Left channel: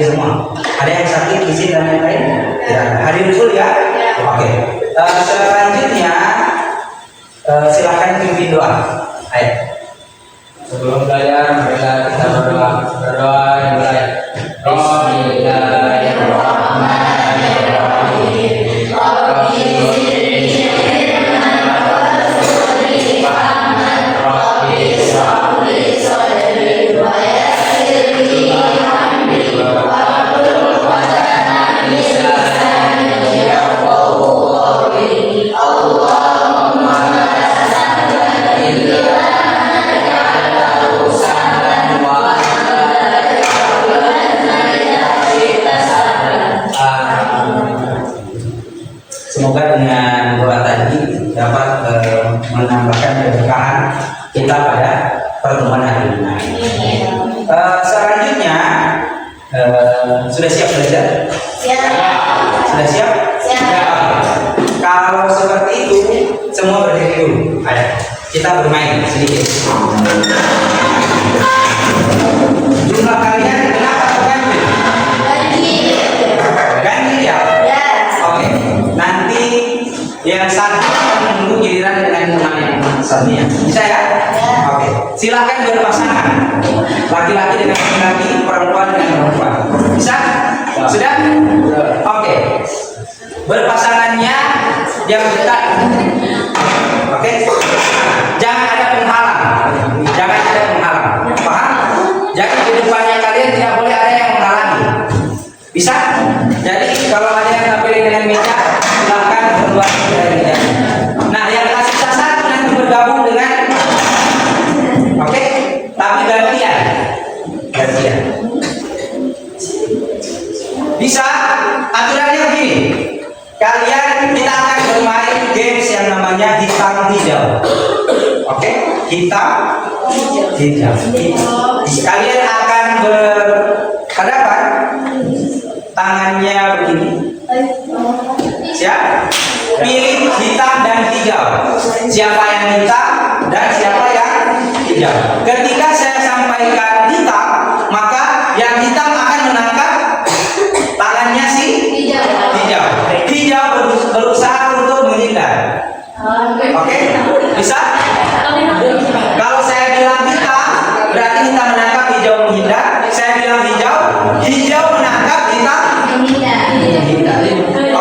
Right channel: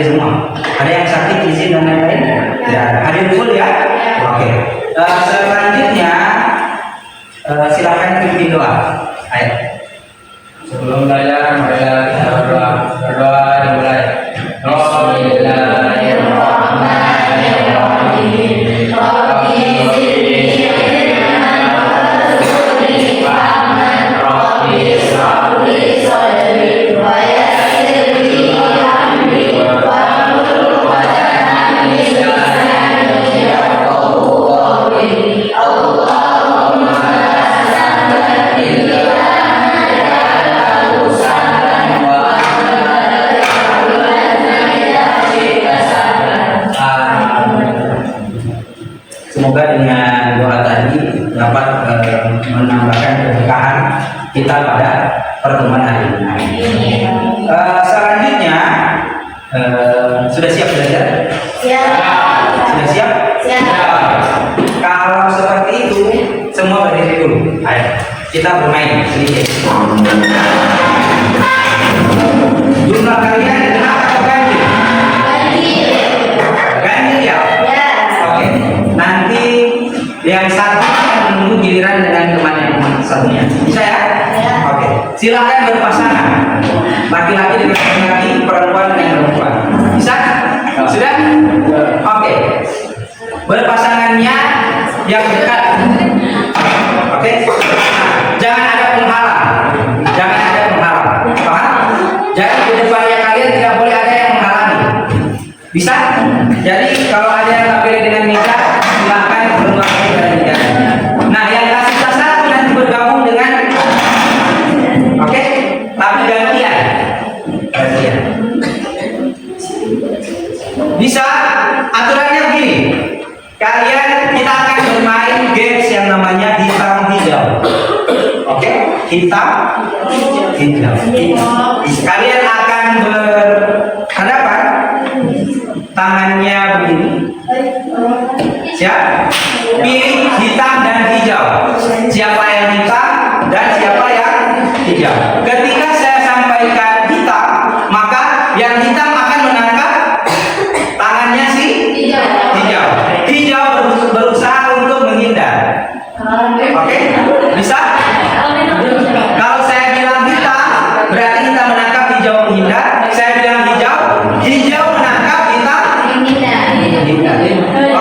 hadir semua. Ada yang sakit, izin dan lain-lain? Tidak ada. Hadir full ya? Oke. Selanjutnya silakan pimpin doa. Ayo. Sebelum belajar, marilah kita berdoa. Berdoa dimulai. Semoga dengan doa tadi dapat menambahkan keberkahan kita pada pertemuan hari ini. Selanjutnya sudah siap belajar? Siap. Sudah siap? Siap. Kalau seperti itu semua berdiri dulu. Ayo kita bermain sedikit. Jumlah kalian genap atau ganjil? Ganjil ya? Oke. Nanti yang satu akan menunggu giliran dengan temannya satunya. Bisa ya? Oke. Silakan berpasangan. Laki-laki dengan laki-laki, perempuan dengan perempuan. Bisa? Sudah? Oke. Berpasangannya yang dekat. Oke. Jangan ada penghalang. Jangan ada penghalang. Paham? Jadi di depannya kalian tidak boleh ada yang menghalangi. Bisa? Jadi kalau ada yang tak pilih dengan meja, silahkan keluar dari meja. Nah, yang kasih satu nanti bergabung dengan, oke? Tapi gantian. Bisa? Aturannya begini. Kita akan bermain games yang namanya hitam hijau. Oke? Hitam hijau. Kalian akan berhadapan, tangannya begini. Siap? Pilih hitam dan hijau. Siapa yang hitam dan siapa yang hijau. Ketika saya sampaikan hitam, maka yang hitam akan menangkap tangannya si hijau. Hijau berusaha untuk menghindar. Oke? Bisa? Kalau saya bilang hitam, berarti hitam menangkap, hijau menghindar. Saya bilang hijau, hijau menangkap, hitam menghindar.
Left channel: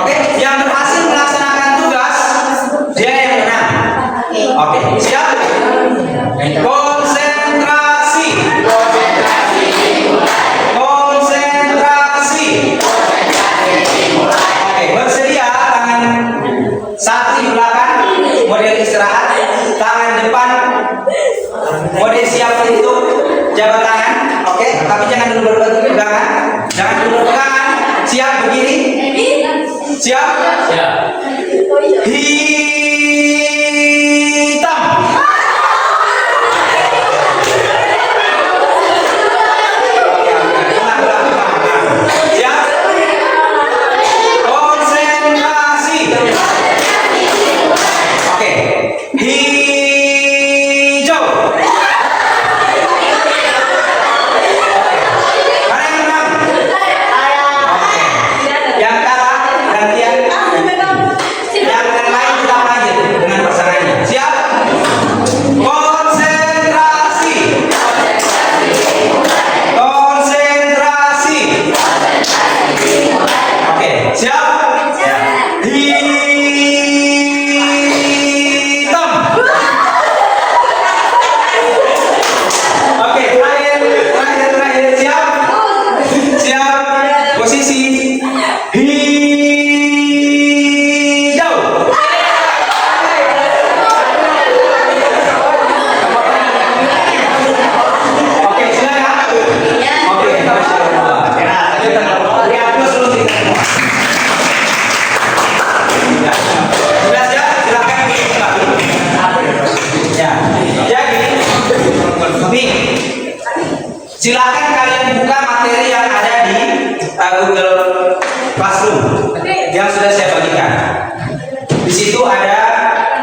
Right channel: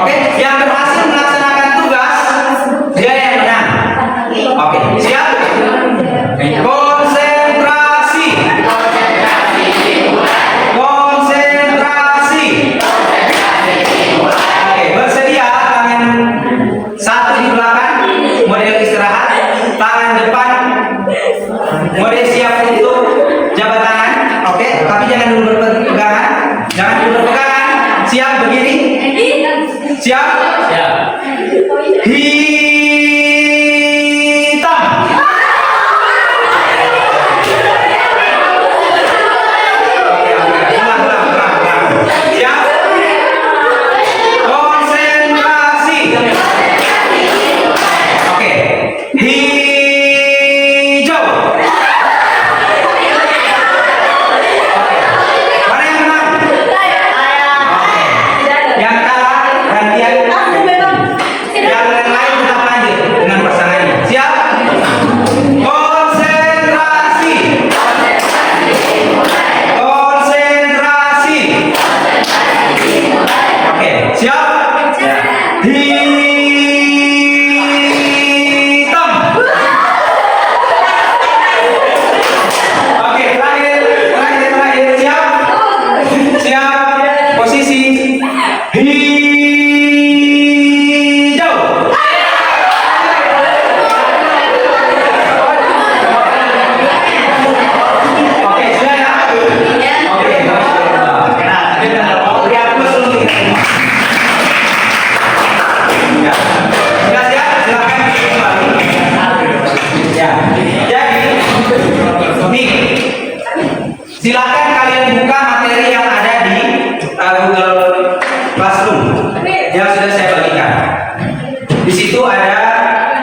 Oke? Yang berhasil melaksanakan tugas, dia yang menang. Oke, siap? Konsentrasi. Konsentrasi. Oke, bersedia tangan satu di belakang, model istirahat, tangan depan, model siap untuk jabat tangan. Oke, tapi jangan dulu berpegangan. Jangan dulu berpegangan. Siap berdiri? Siap? Siap. Hitam. Ulang. Siap? Konsentrasi. Oke. Hijau. Mana yang menang? Oke. Yang kalah gantian. Yang lain tetap lanjut dengan pasangannya. Siap? Konsentrasi. Konsentrasi. Oke, siap? Hitam. Oke, terakhir. Siap? Siap. Posisi hijau. Oke, silakan. Oke, sudah siap? Silakan. Ya. Jadi, nih, silakan kalian buka materi yang ada di Google Classroom yang sudah saya bagikan. Di situ ada,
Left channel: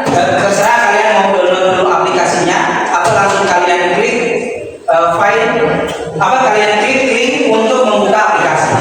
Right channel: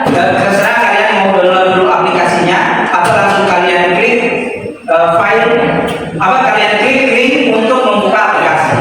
terserah kalian mau download dulu aplikasinya atau langsung kalian klik file, kalian klik link untuk membuka aplikasi.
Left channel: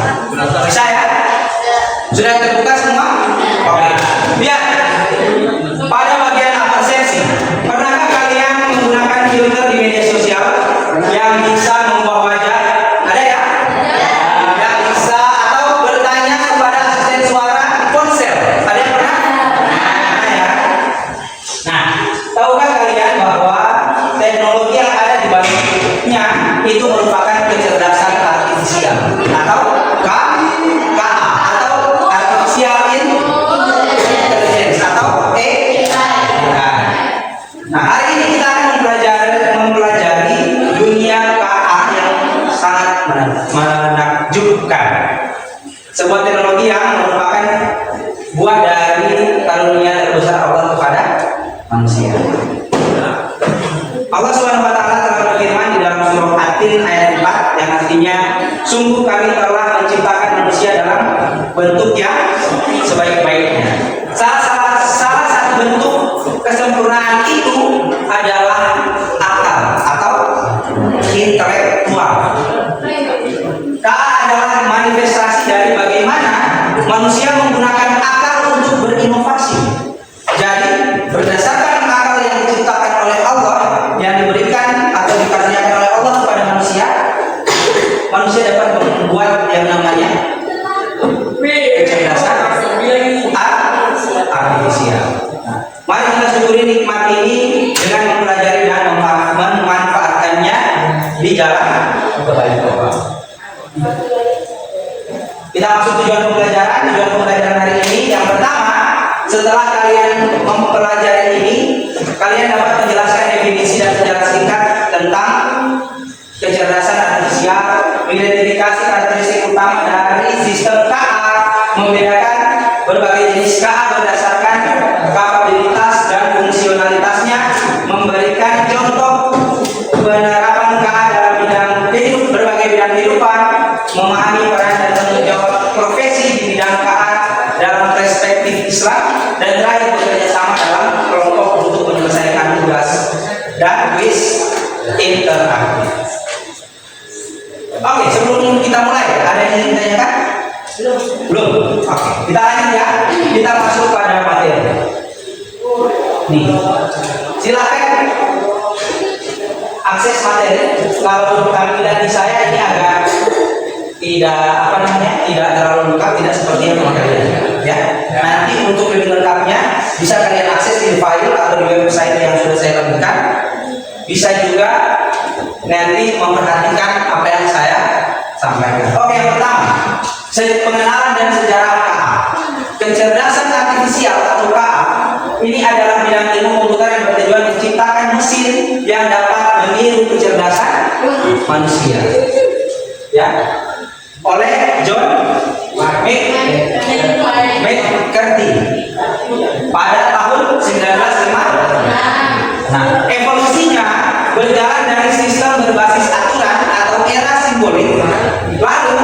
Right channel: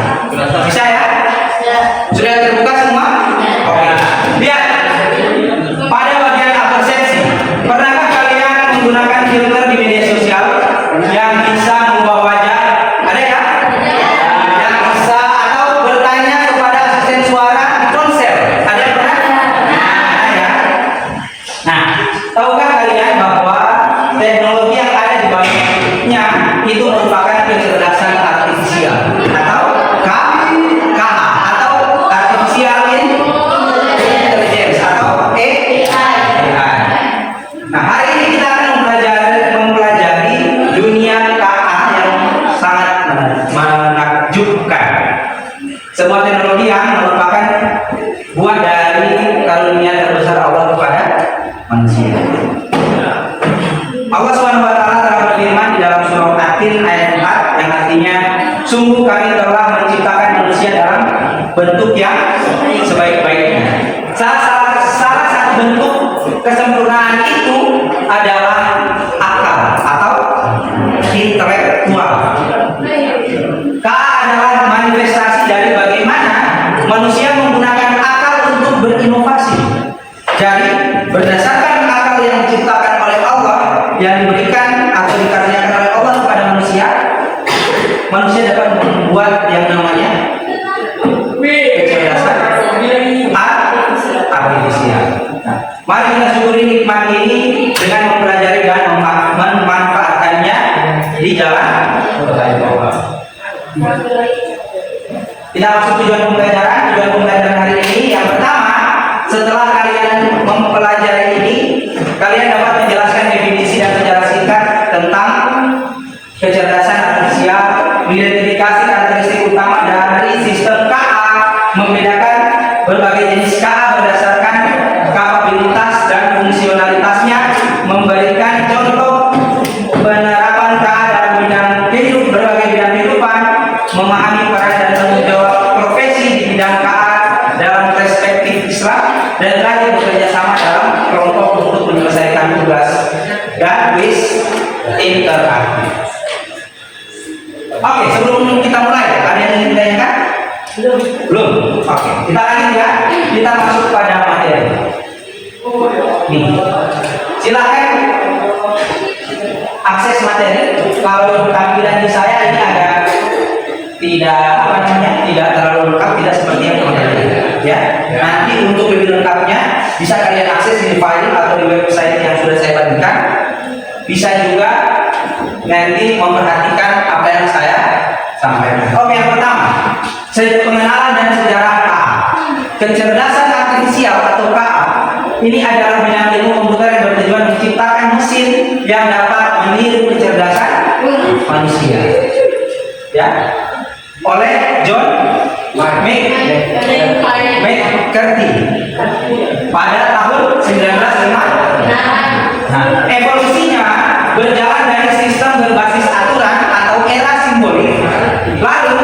sebuah teknologi yang merupakan buah dari karunia terbesar Allah kepada manusia. Allah Subhanahu wa taala telah berfirman di dalam surah At-Tin ayat 4 yang artinya, sungguh kami telah menciptakan manusia dalam bentuk yang sebaik-baiknya. Salah satu bentuk kesempurnaan itu adalah akal atau intelektual. Adalah manifestasi dari bagaimana manusia menggunakan akal untuk berinovasi. Jadi berdasarkan akal yang diciptakan oleh Allah, yang diberikan atau dikaruniakan oleh Allah kepada manusia, manusia dapat membuat yang namanya kecerdasan artifisial. Mari kita syukuri nikmat ini dengan mempelajari dan memanfaatkannya di jalan Allah. Kita masuk tujuan pembelajaran hari ini. Yang pertama, setelah kalian mempelajari ini, kalian dapat menjelaskan definisi dan secara singkat tentang kecerdasan artifisial, mengidentifikasi karakteristik utama dari sistem KA, membedakan berbagai jenis KA berdasarkan kapabilitas dan fungsionalitasnya, memberikan contoh penerapan KA dalam berbagai bidang kehidupan, memahami peran dan tanggung jawab profesi di bidang KA dalam perspektif Islam, dan terakhir bekerja sama dalam kelompok untuk menyelesaikan tugas dan kuis interaktif. Oke, sebelum kita mulai, ada yang ingin ditanyakan? Belum. Oke, kita lanjut ya. Kita masuk pada materi. Nih, silakan akses materi. Kalau tampilan di saya ini agak tidak terlalu lengkap, tidak seperti yang materi ya. Nanti untuk lebih lengkapnya bisa kalian akses di file atau di website yang sudah saya bagikan. Bisa juga nanti memperhatikan apa yang saya sampaikan. Oke, yang pertama, pengenalan dan sejarah KA. Kecerdasan artifisial atau KA ini adalah bidang ilmu komputer yang bertujuan menciptakan mesin yang dapat meniru kecerdasan manusia. Ya, oleh John McCarthy pada tahun 1905. Nah, evolusinya berjalan dari sistem berbasis aturan atau era simbolik, lalu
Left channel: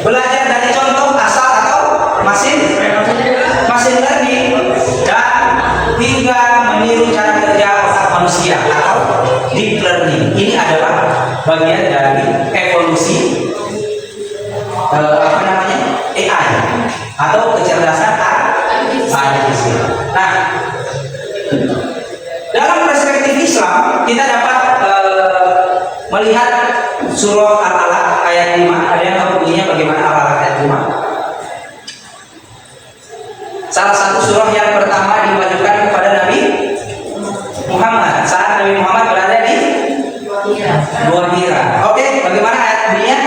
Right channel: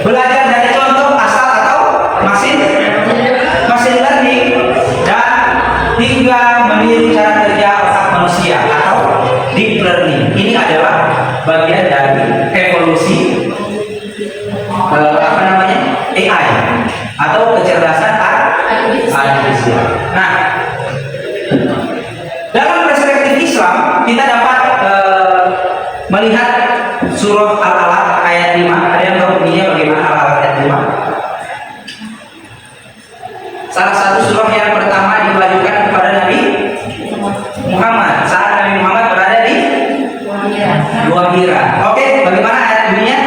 belajar dari contoh asal atau machine learning, dan hingga meniru cara kerja otak manusia atau deep learning. Ini adalah bagian dari evolusi AI atau kecerdasan artifisial. Nah, dalam perspektif Islam kita dapat melihat surah Al-Alaq ayat 5. Ada yang tahu bunyinya bagaimana Al-Alaq ayat 5? Salah satu surah yang pertama diwajibkan kepada Nabi Muhammad saat Nabi Muhammad berada di Gua Hira. Oke, bagaimana ayat bunyinya?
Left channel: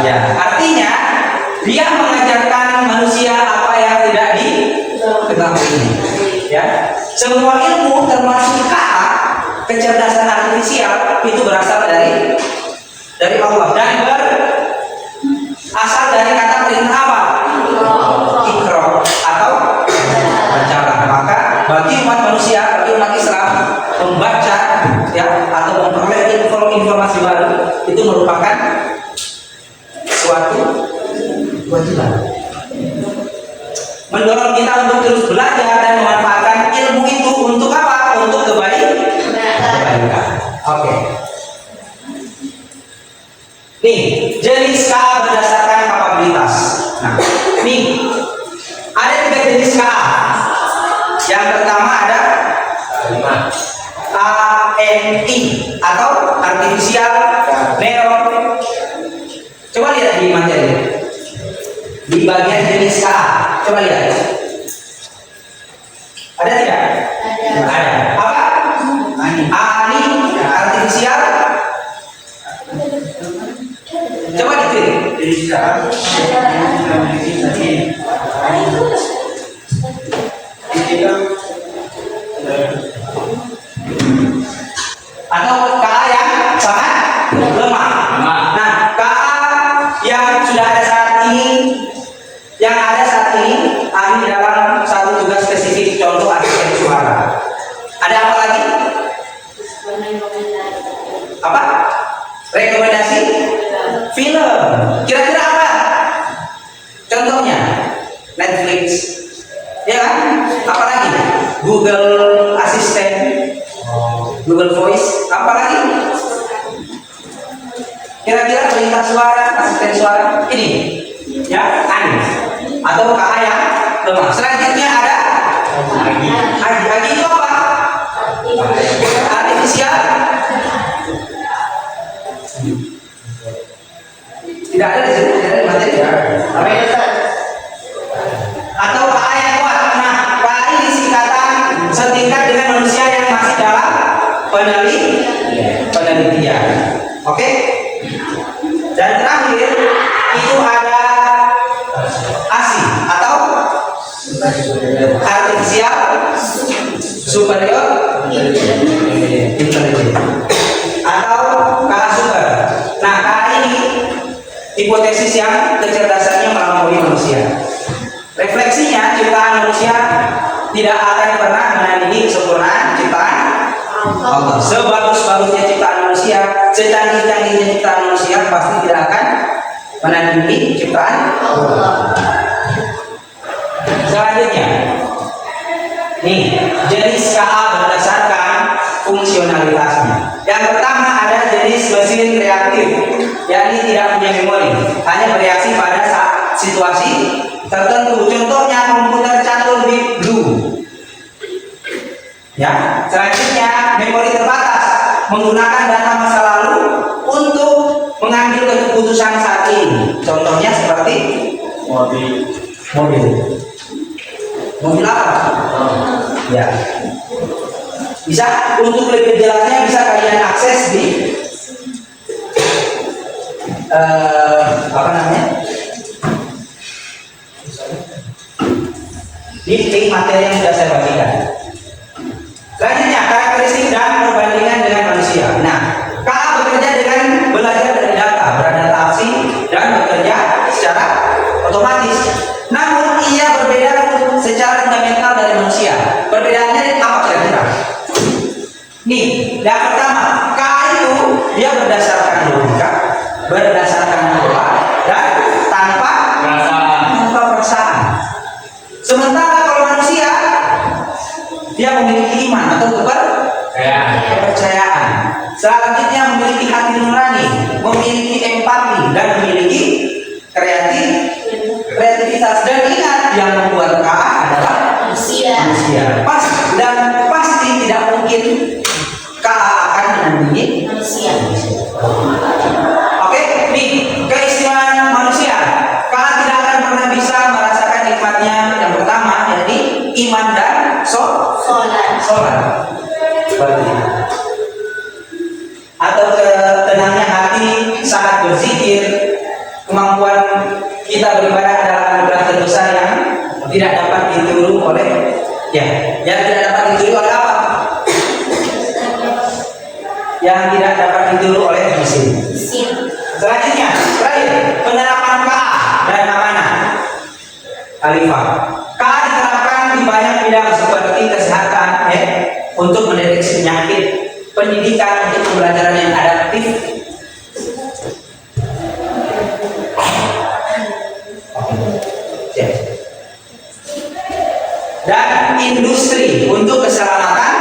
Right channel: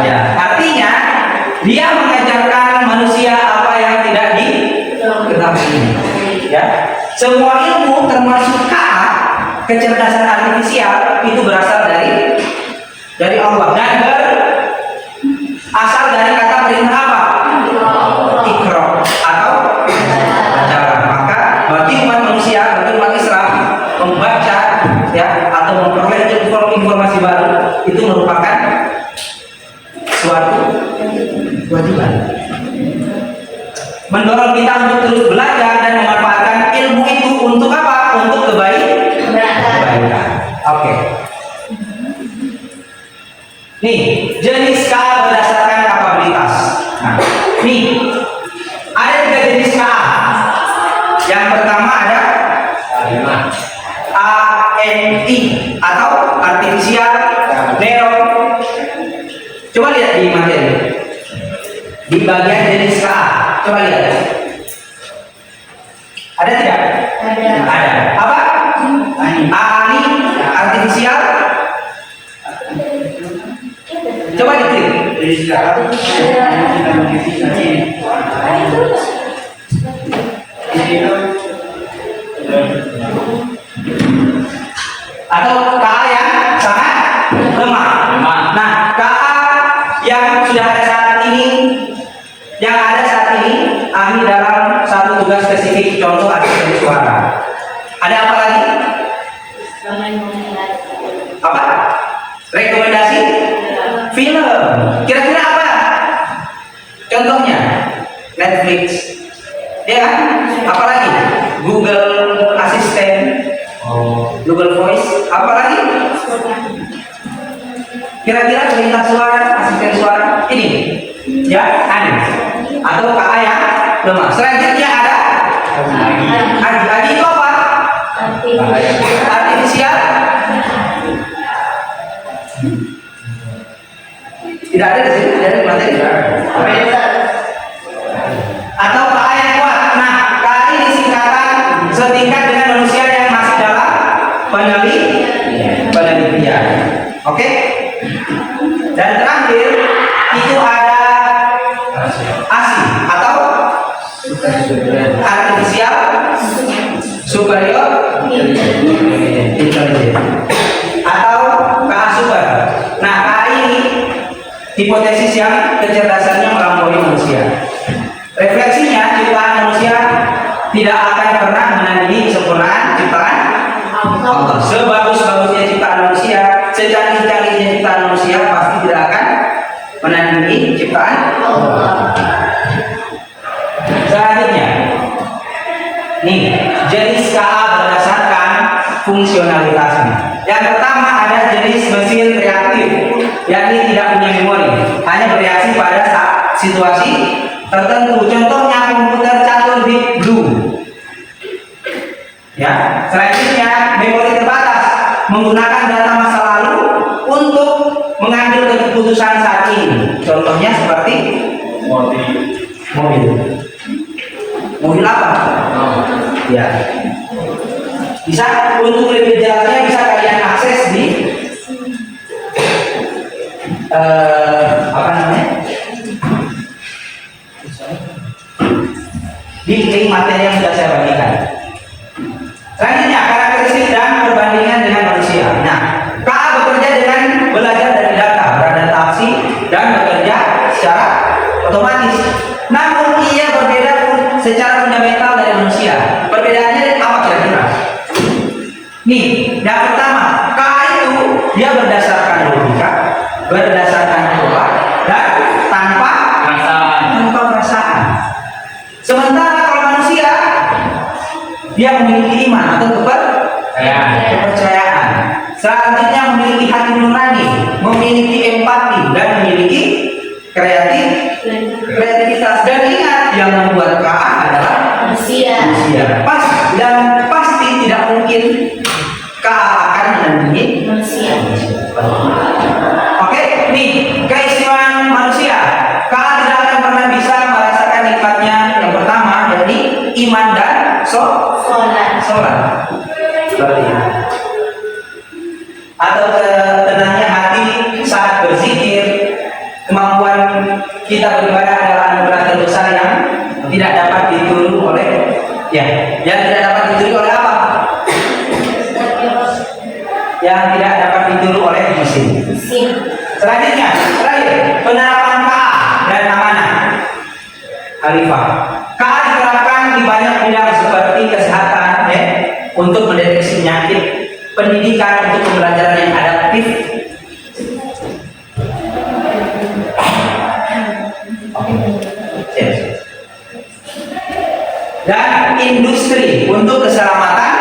Ya, artinya dia mengajarkan manusia apa yang tidak diketahui. Ya, semua ilmu termasuk KA, kecerdasan artifisial, itu berasal dari Allah dan berasal dari kata perintah apa? Iqra atau bacalah. Maka bagi umat manusia, bagi umat Islam, membaca ya atau memperoleh informasi baru itu merupakan suatu kewajiban. Mendorong kita untuk terus belajar dan memanfaatkan ilmu itu untuk apa? Untuk kebaikan. Oke. Nih, jenis KA berdasarkan kapabilitas. Nah, nih ada 3 jenis KA. Yang pertama ada ANI atau artificial neural. Coba lihat di materi. Di bagian jenis KA, coba lihat. Ada tidak? Ada. Apa? ANI artificial. Coba diklik. Atau KA yang sangat lemah. yang sudah ada saat ini, ahli dalam satu tugas spesifik, contoh asisten suara. Ada apa lagi? Apa? Rekomendasi film. Kira-kira apa? Contohnya Netflix, ya kan? Apa lagi? Google Assistant, Google Voice. Apa lagi? Kira-kira perintah suara, asisten suara ini, ya kan? Atau KA yang lemah. Selanjutnya ada Agi itu apa? Artifisial. Tidak ada di sini, ada di materi. Atau KA yang kuat. Nah, KA ini singkatan setingkat dengan manusia yang masih dalam penelitian. Oke? Dan terakhir itu ada ASI atau artificial superior intelligence atau KA super. Nah, KA ini hipotesis yang kecerdasannya melampaui manusia. Refleksinya, ciptaan manusia tidak akan pernah menandingi kesempurnaan ciptaan Allah. Sebagus-bagusnya ciptaan manusia, secanggih-canggihnya ciptaan manusia pasti tidak akan menandingi ciptaan Allah. Selanjutnya, nih jenis KA berdasarkan fungsionalitasnya. Yang pertama ada jenis mesin reaktif, yakni tidak punya memori, hanya bereaksi pada situasi tertentu. Contohnya komputer catur Deep Blue. Ya, selanjutnya memori terbatas, menggunakan data masa lalu untuk mengambil keputusan saat ini. Contohnya seperti mobil apa? Ya. Bisa untuk lebih jelasnya bisa kalian akses di apa namanya? Di link materi yang sudah saya bagikan. Selanjutnya karakteristik dan perbandingan dengan manusia. Nah, KA bekerja dengan belajar dari data, beradaptasi dan bekerja secara otomatis. Namun ia berbeda secara fundamental dari manusia. Perbedaannya apa kira-kira? Nih, yang pertama, KA itu dia berdasarkan logika, berdasarkan pola dan tanpa perasaan. Sementara kalau manusia dia memiliki iman atau kepercayaan. Selanjutnya memiliki hati nurani, memiliki empati dan memiliki kreativitas. Dan ingat, yang membuat KA adalah manusia. Dan pasti tidak mungkin KA akan menandingi manusia. Oke, nih keistimewaan manusia. KA tidak akan pernah bisa merasakan nikmatnya yang pertama, yakni iman dan sholat. Seperti itu. Atau tenangnya hati saat berzikir. Kemampuan kita beribadah adalah anugerah terbesar yang tidak dapat ditiru oleh yang tidak dapat ditiru oleh apa? Yang tidak dapat ditiru oleh mesin. Selanjutnya, terakhir, penerapan KA dan amanah. Alifah. KA diterapkan di banyak bidang seperti kesehatan, untuk mendeteksi penyakit, pendidikan untuk pembelajaran yang adaptif, dan industri untuk keselamatan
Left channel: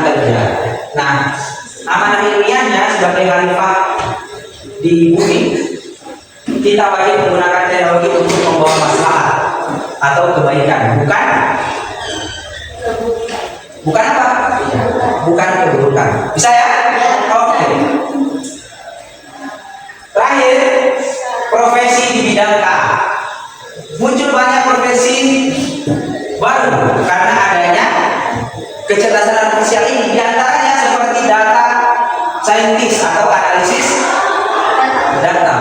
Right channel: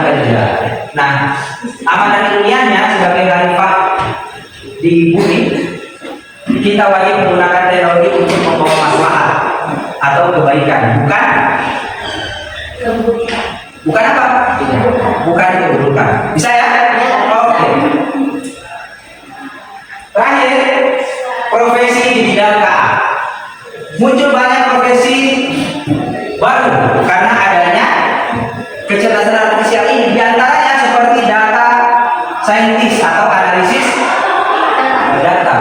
kerja. Nah, amanah ilmiahnya sebagai khalifah di bumi, kita wajib menggunakan teknologi untuk membawa maslahat atau kebaikan, bukan apa? Bukan keburukan. Bisa ya? Oke. Terakhir, profesi di bidang KA. Muncul banyak profesi baru karena adanya kecerdasan artifisial ini. Di antaranya seperti data scientist atau analisis data.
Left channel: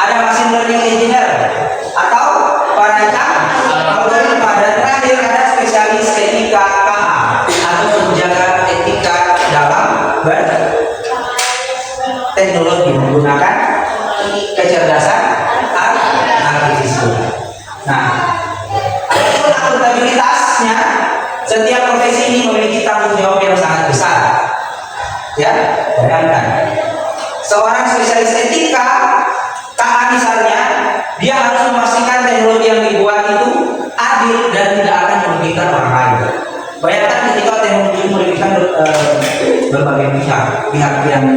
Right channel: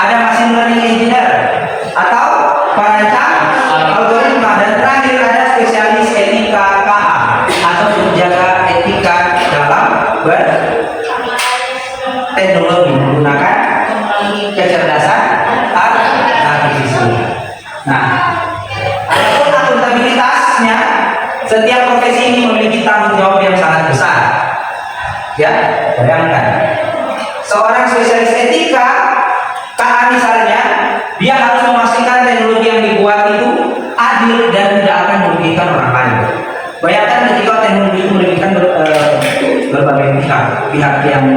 Ada machine learning engineer atau perancang algoritma. Dan terakhir ada spesialis etika KA atau penjaga etika dalam berteknologi menggunakan kecerdasan artifisial. Nah, adapun akuntabilitasnya, setiap profesi ini memiliki tanggung jawab yang sangat besar. Ya, bayangkan seorang spesialis etika, KA misalnya, dia harus memastikan teknologi yang dibuat itu adil dan tidak akan merugikan orang lain. Bayangkan ketika teknologi itu merugikan berbagai pihak yang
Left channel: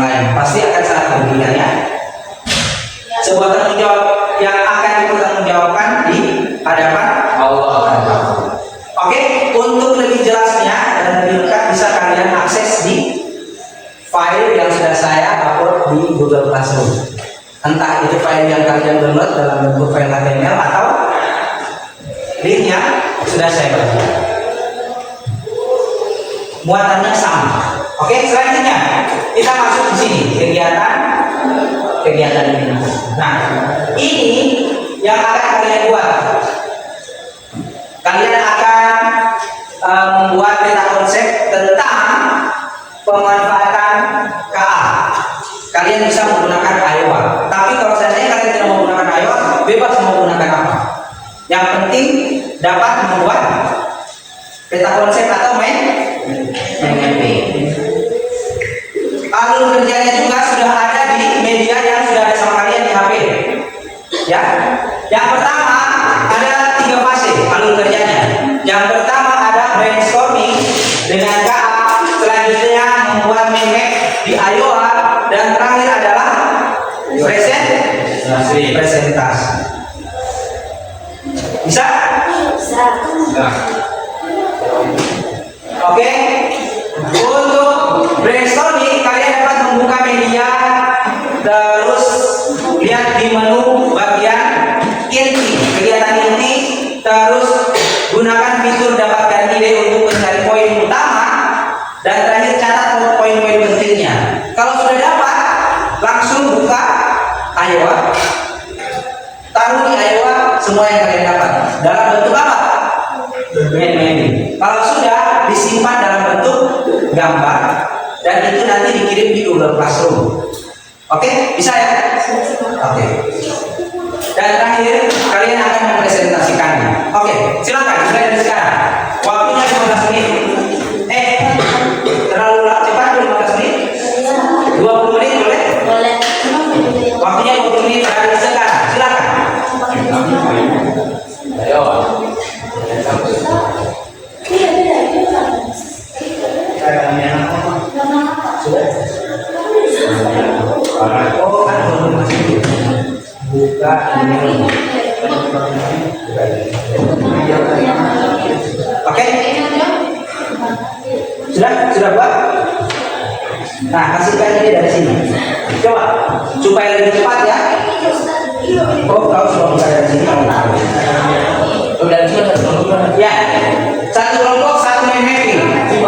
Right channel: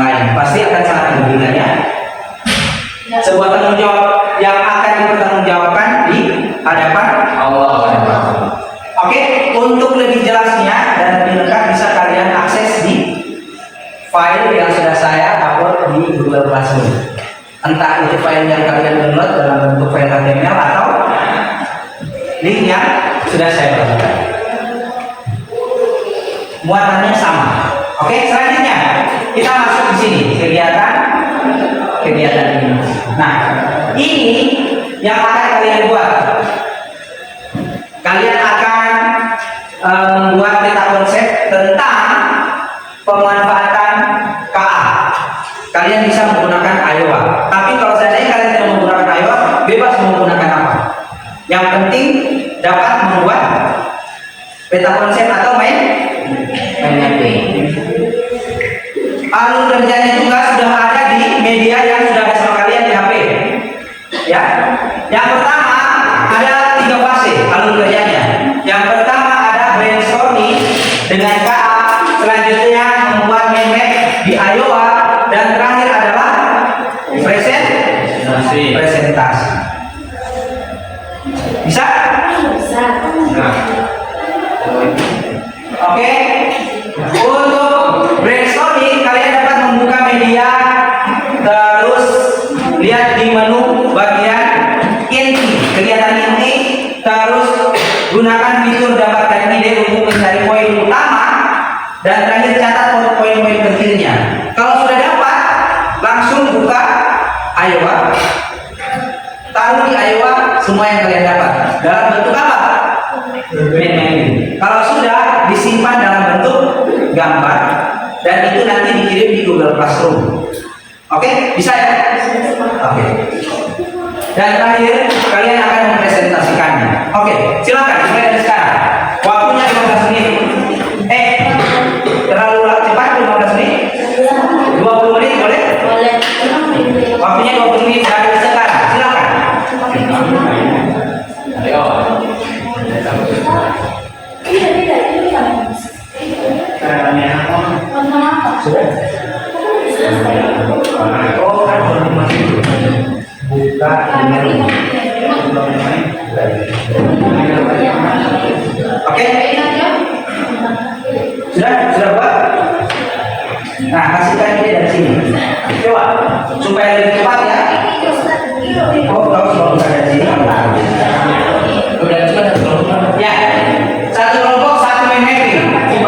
lain, pasti akan sangat merugikan ya. Sebuah tanggung jawab yang akan dipertanggungjawabkan di hadapan Allah. Oke, untuk lebih jelasnya dan lebih lengkap bisa kalian akses di file yang sudah saya upload di Google Classroom. Entah itu file yang kalian download dalam bentuk file HTML atau link yang sudah saya bagikan. Muatannya sama. Oke, selanjutnya kita masuk di sini kegiatan ini. Nah, ini yang akan kalian buat. Kalian akan membuat peta konsep tentang pemanfaatan KA. Kalian bisa menggunakan Iowa. Tapi kalau seandainya kalian tidak menggunakan Iowa, bebas menggunakan apa. Yang penting dapat membuat peta konsep atau main. Alur kerjanya juga sudah ada di media yang sudah ada sama kalian di HP. Ya. Yang pertama ada 3 fase alur kerjanya. Yang pertama ada brainstorming dengan KA, selanjutnya membuat mind map di Iowa, dan terakhir adalah presentasi. Bisa? Bisa. Oke. Untuk brainstorming kalian dapat membuka media, terus lihat di menu bagian inti, kelihatan inti, terus gunakan fitur dapatkan ide untuk mencari poin utama, dan terakhir catat poin-poin pentingnya. Kalau sudah dapat, langsung buka Iowa, taruh di Iowa semua yang kalian dapat dalam bentuk apa? Kalau sudah, disimpan dalam bentuk gambar dan itu nanti dikirim di Google Classroom. Oke, bisa ya? Oke. Dan terakhir kalian akan mempresentasikannya. Oke, silakan mulai dari sekarang. Waktunya 15 menit. Terlalu cepat 15 menit? 20 menit boleh? Boleh. Waktunya 20 menit dari sekarang. Silakan. Ayo. Sudah? Oh kan masih buka ini. Oke? Sudah buat? Nah, kasihkan ini dari sini. Coba supaya lebih cepat ya. Oh, kau sudah buka dari sini. Udah sudah. Ya. Satu kelompok, satu main mapping. Itu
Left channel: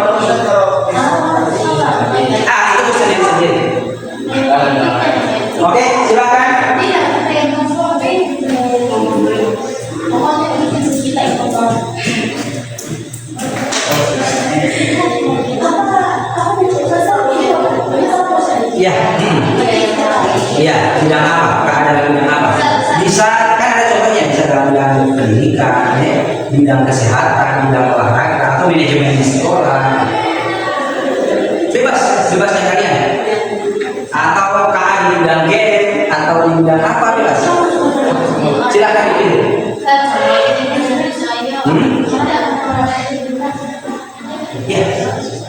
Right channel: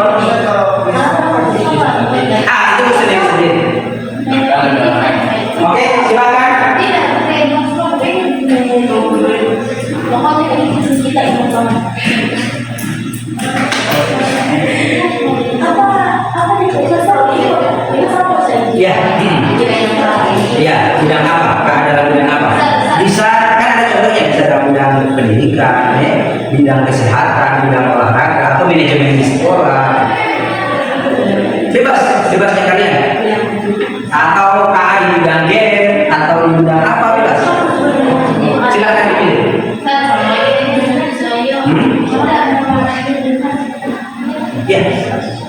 mesin yang sendiri. Oke, silakan. Ya, ya, bidang apa? Keadalan bidang apa? Bisa kan ada contohnya, bisa dalam bidang pendidikan, ya, bidang kesehatan, bidang olahraga, atau manajemen di sekolah. Bebasnya kalian. Atau KA di bidang game, atau di bidang apa, bebas. Silakan dipilih. Ya,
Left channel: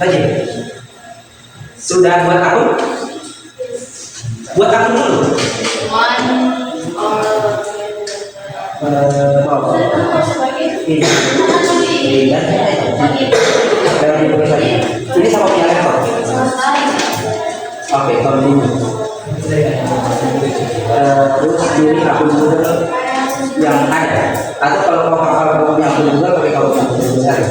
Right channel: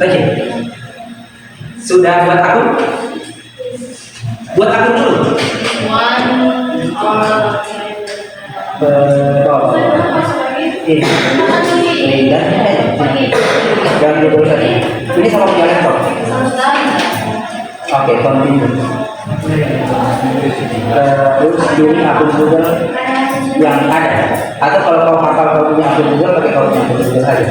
lagi. Sudah buat akun? Buat akun dulu. Ini sama punya laptop. Oke, continue. Terus pilih akun Google yang ada. Atau kalau kau hafal kau punya akun Google, pakai kau punya akun Google saja.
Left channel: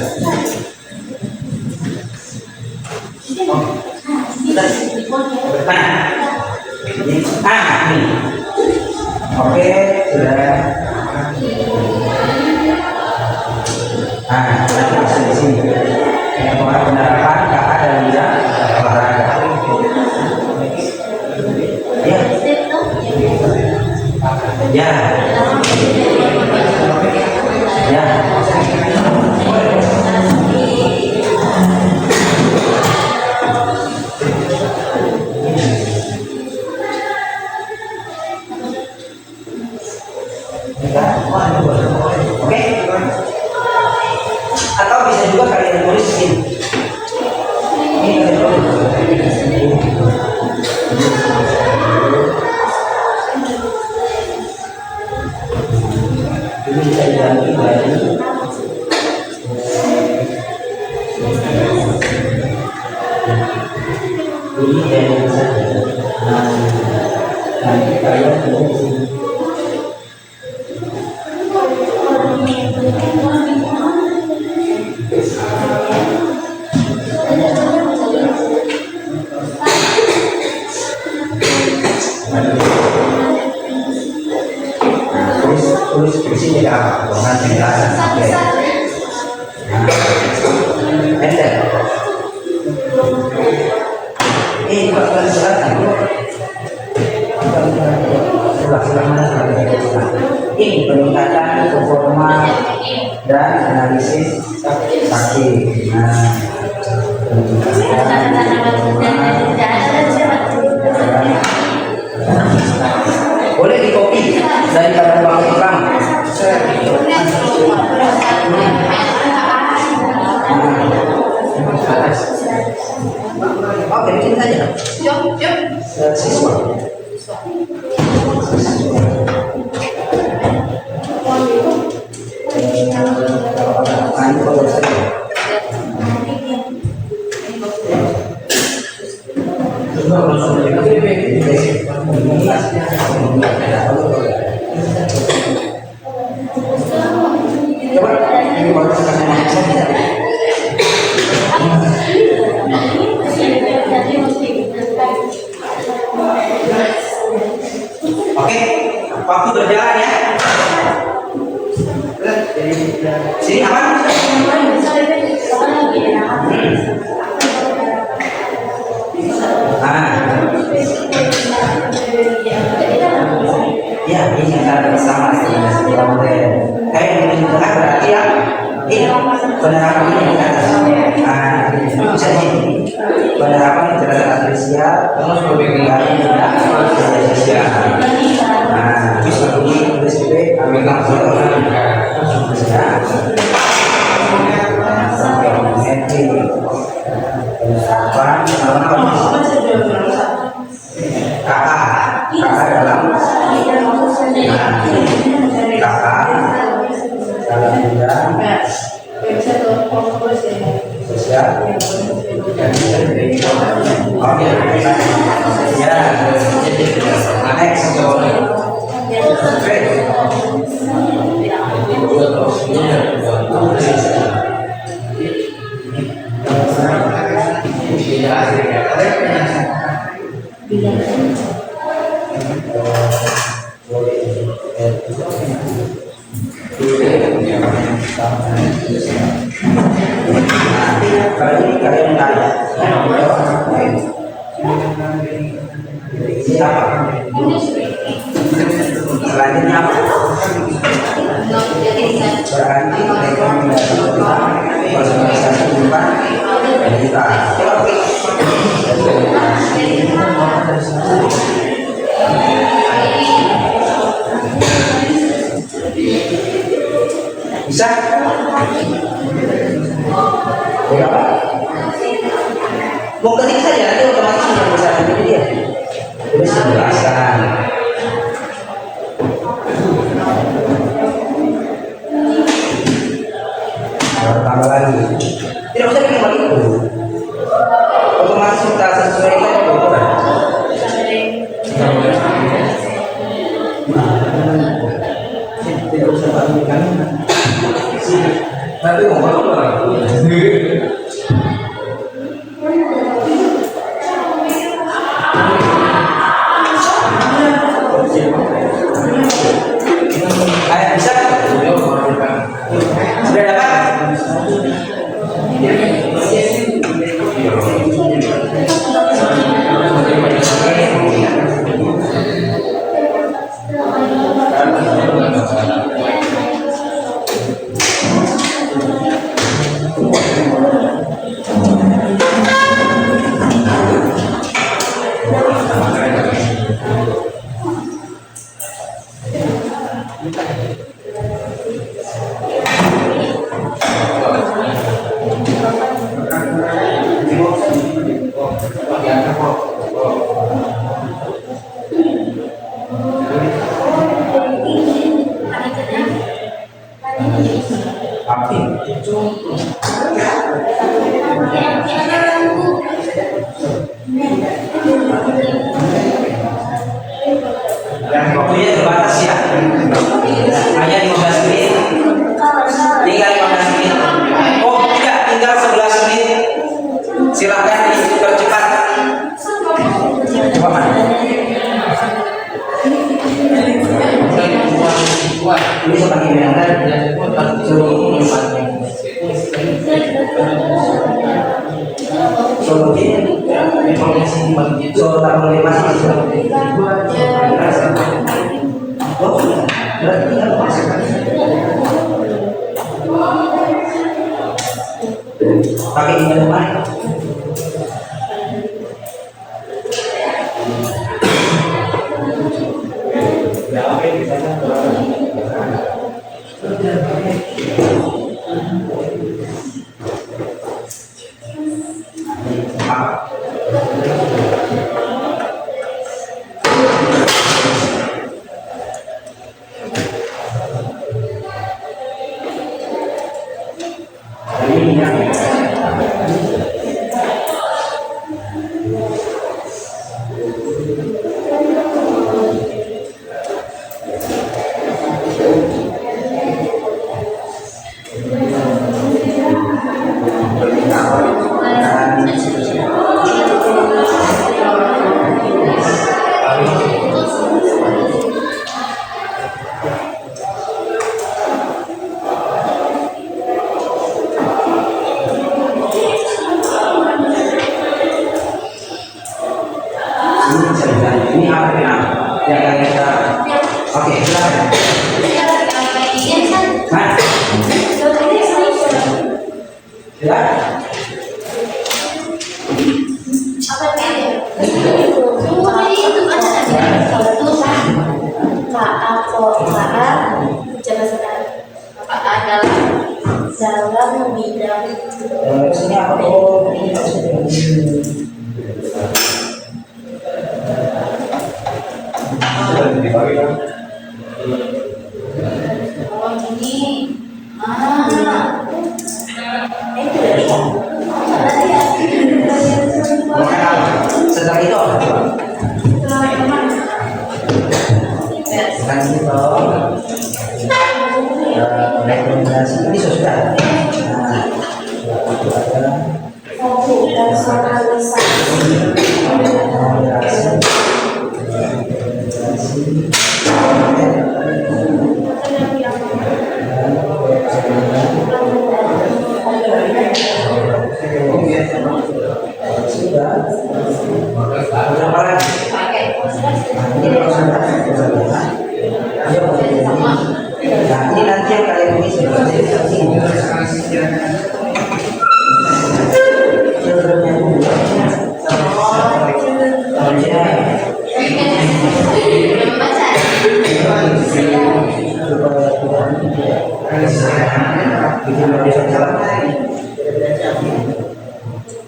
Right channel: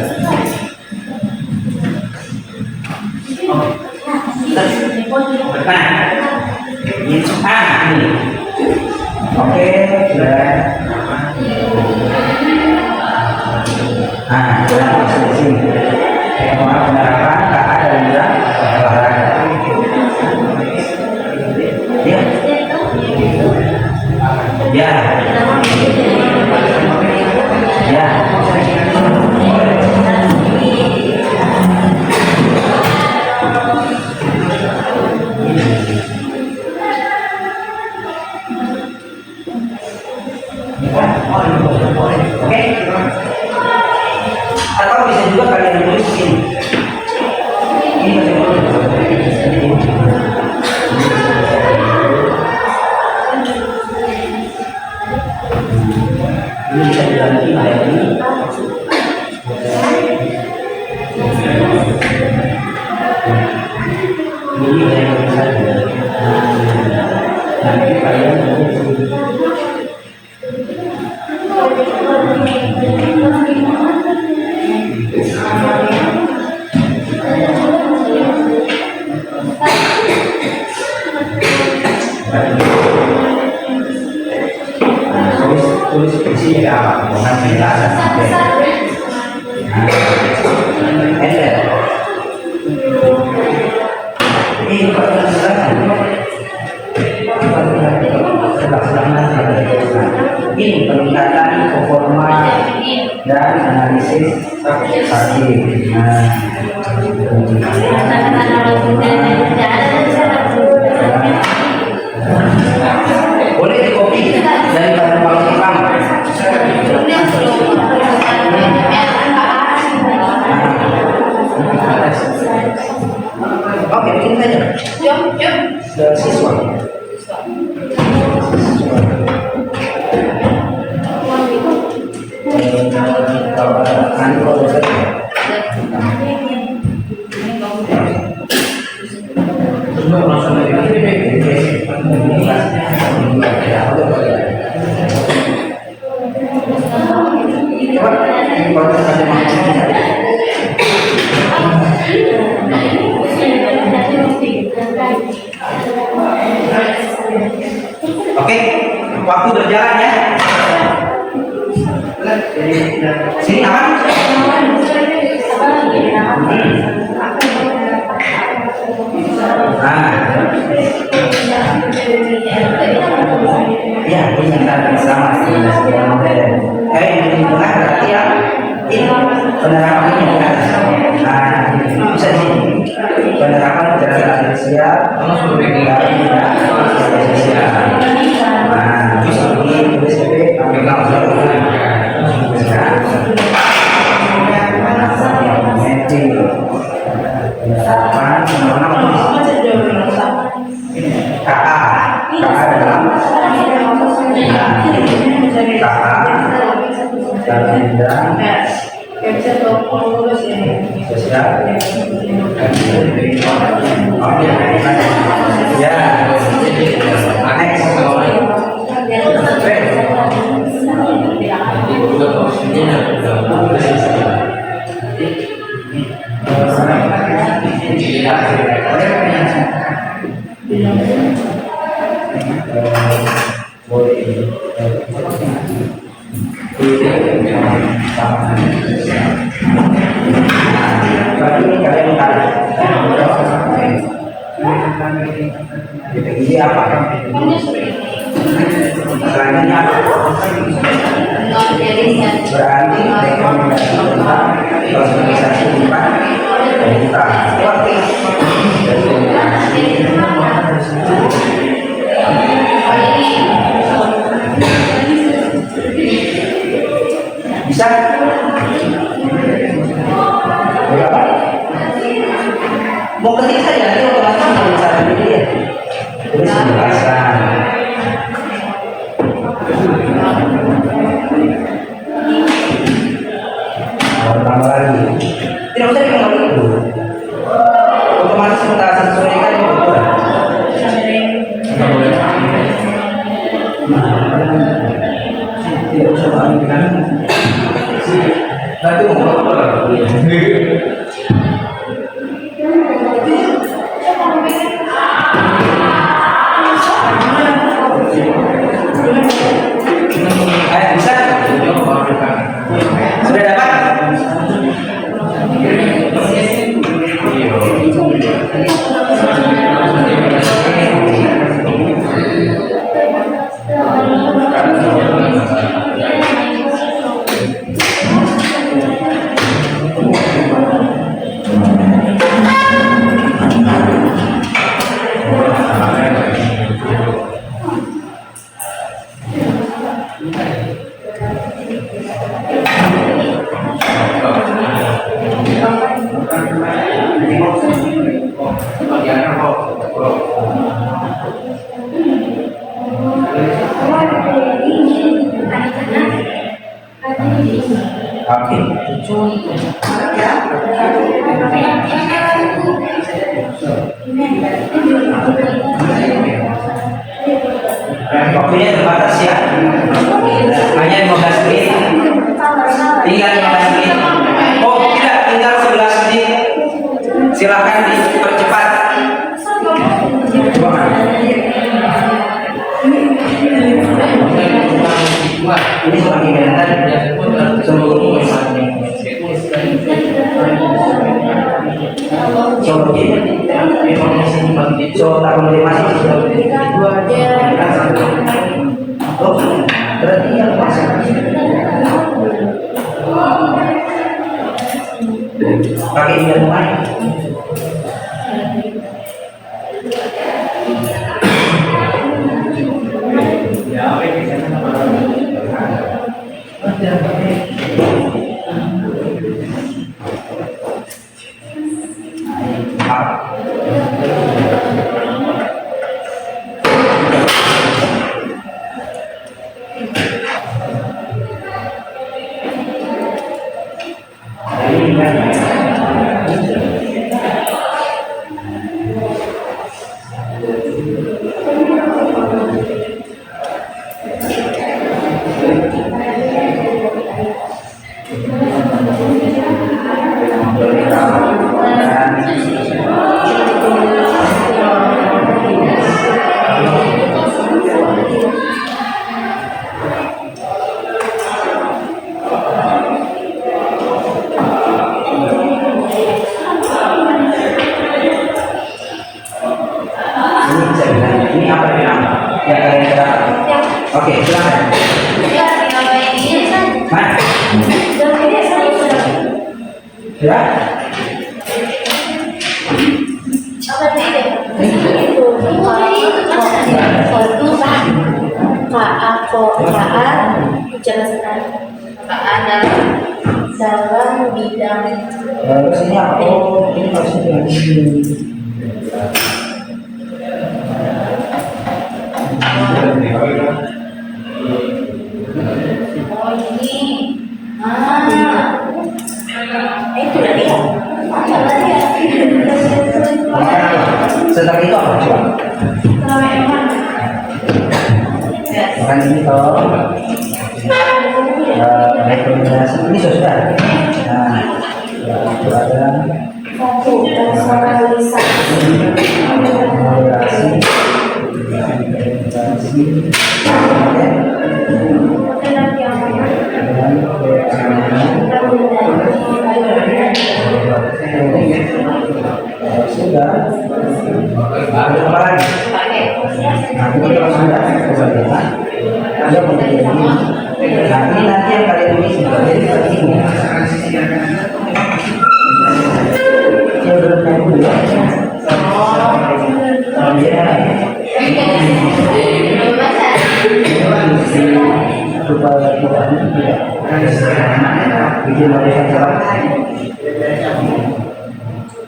Ini. Oke, sudah. Sudah masuk di sini. Penerapan KA dalam bidang olahraga. Ya. yang saja. Nanti kalian tulis isinya apa? Bukan penjelasan sampai. Enter. Ini kalau sudah ini peningkatan performa dan analisis saksi. Boleh di copy daripada bangun pertama. Oke, bikin saja. Siswa. Kalau ada kalau saja. Coba ini baru kita mau. Oke, waktu berjalan ya. Sini apa? Ya, ini kita sama sebenarnya model. Ini tengah berarti yang ini penerapan ini yang atas. Bisa ini penerapan kecerdasan artifisial, bisa ini tulis PP ambil langsung. Ini apa? Selanjutnya apa? Berarti rekomendasi personalisasi tempat kita. Bisa? Berapa? Mau ketik saja, nanti otomatis sudah bisa pilih dia. Terus penjelasan. Tambah lagi. Tidak usah bikin lagi dulu. Otomatis kita sesuaikan kebutuhan. mana? Ini seperti yang tadi. So tak boleh masih. Oh, berarti yang masuk. Pakai ini yang mana? Ini apa bilang? Yang kalian kita. Oke, silakan. Mana? Ya. dalam bidang Sini apa? Oh, ini maksudnya ini. oh ini itu dari Setelah itu apa? Bukan ini toh. Rekomendasi ini sudah. Nah, itu ada sudah. Ada apa lagi? Nah, ini kalau sudah kemudian dia menjadi nah ini nanti yang kalian tulis jadi seperti ini. Children yang kedua supaya tidak bikin barisan salah.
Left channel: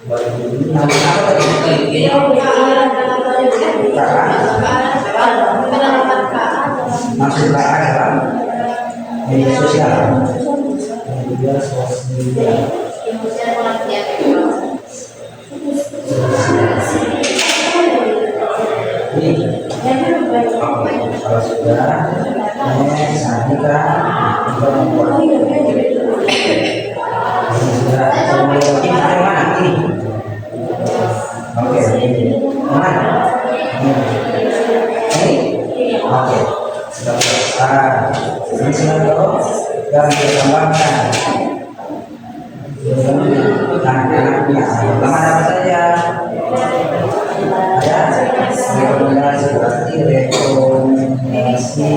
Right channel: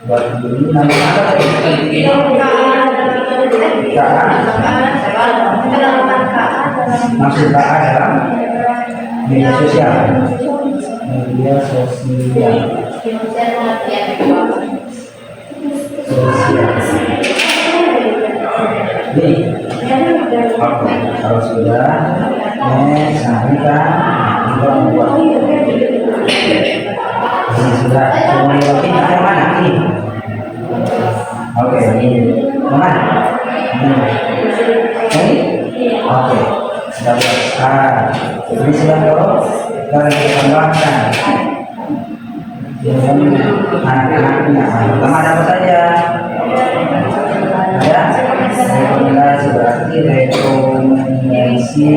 Buat ini namanya apa tadi? Masuk KA dalam media sosial. Media sosial. Ini kalau sudah next, nah ini kan kita membuat ini sudah mulai lagi yang mana ini? Oke, mana? Ini? Oke, sudah sekarang ini sudah dong dan kita kembangkan anak-anaknya. Pertama apa saja? Ada rekomendasi, berarti rekomendasi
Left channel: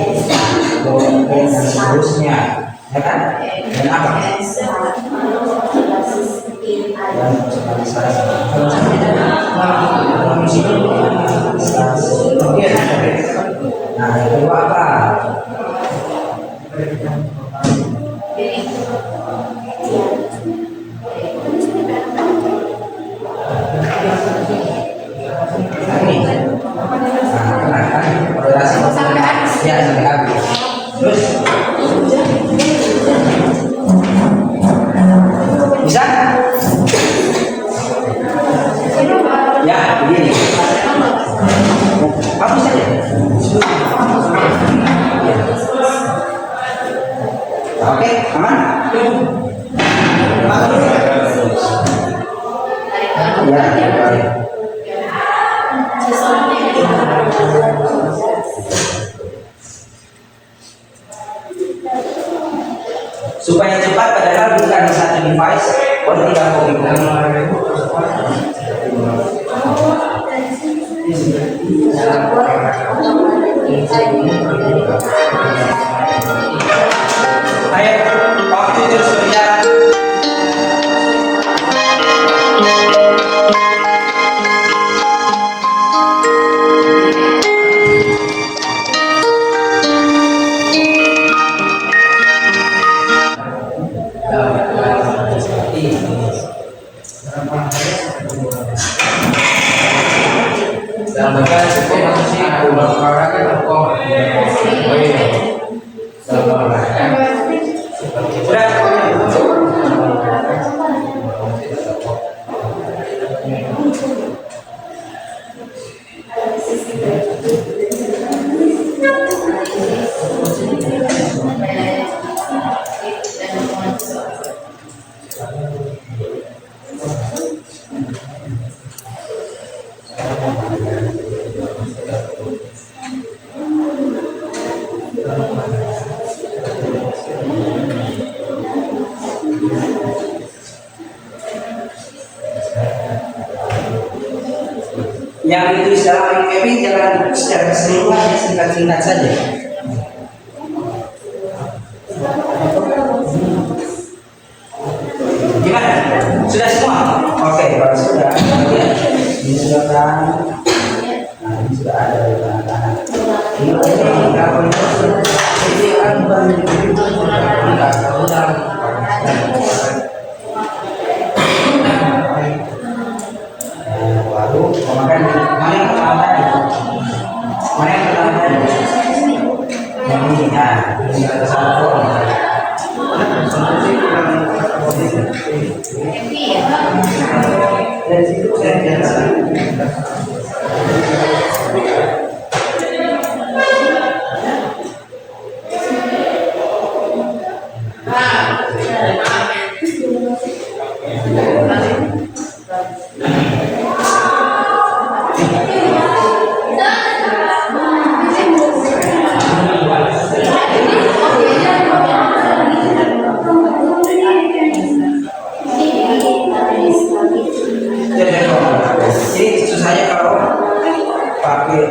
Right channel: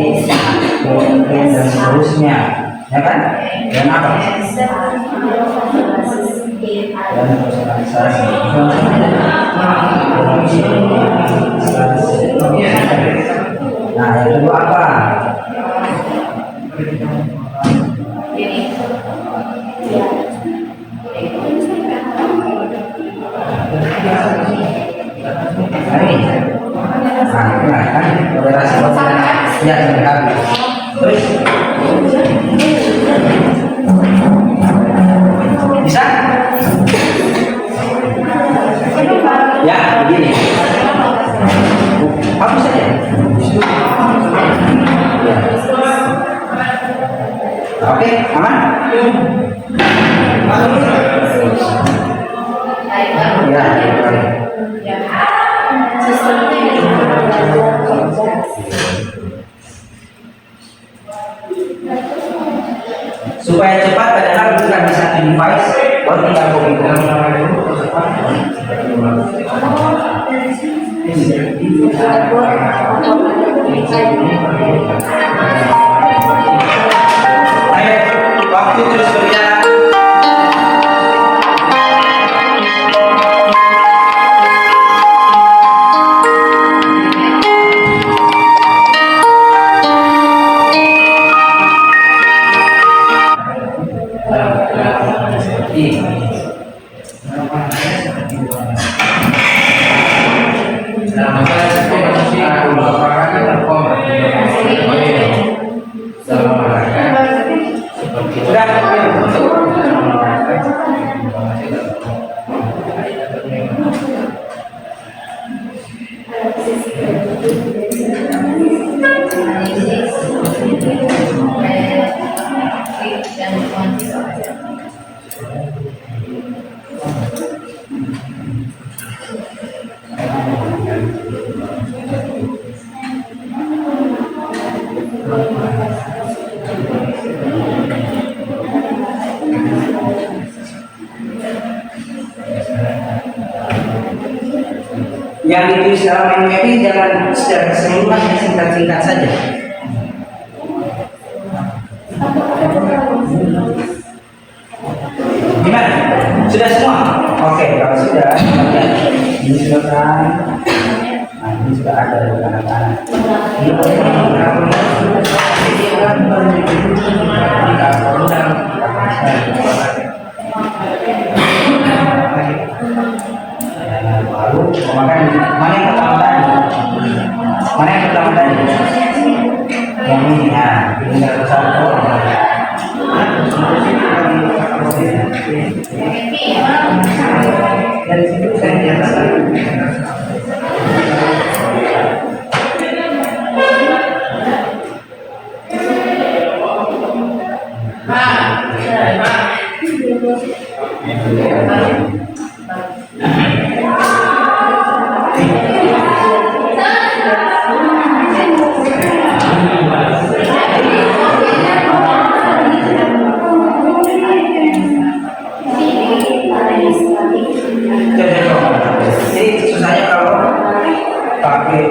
konten dan seterusnya, ya kan? Dan apa? Dan personalisasi. Nah, yang kedua apa? Ya, sudah habis. Terus bisa? Ya, begini. Habis saja. Ya. Oke, aman? Ya, baik. Supaya cepat padahal bukan di satu device, tinggal copy. Ayo, waktu terus berjalan. Yang ditulis dalam MPP jangan secara keseluruhan, ya, singkat-singkat saja. Gimana? Sudah semua? Oke, kalau sudah, ya. Ini sudah kan? Nah, ini sudah ada di kanan-kanan. Ini orang baru memakan mana yang pertama tadi? Mana yang pertama tadi? Yang ini ya, tinggal bersatu. Dari situ saya nyatakan. Jadi susahnya kalau pakai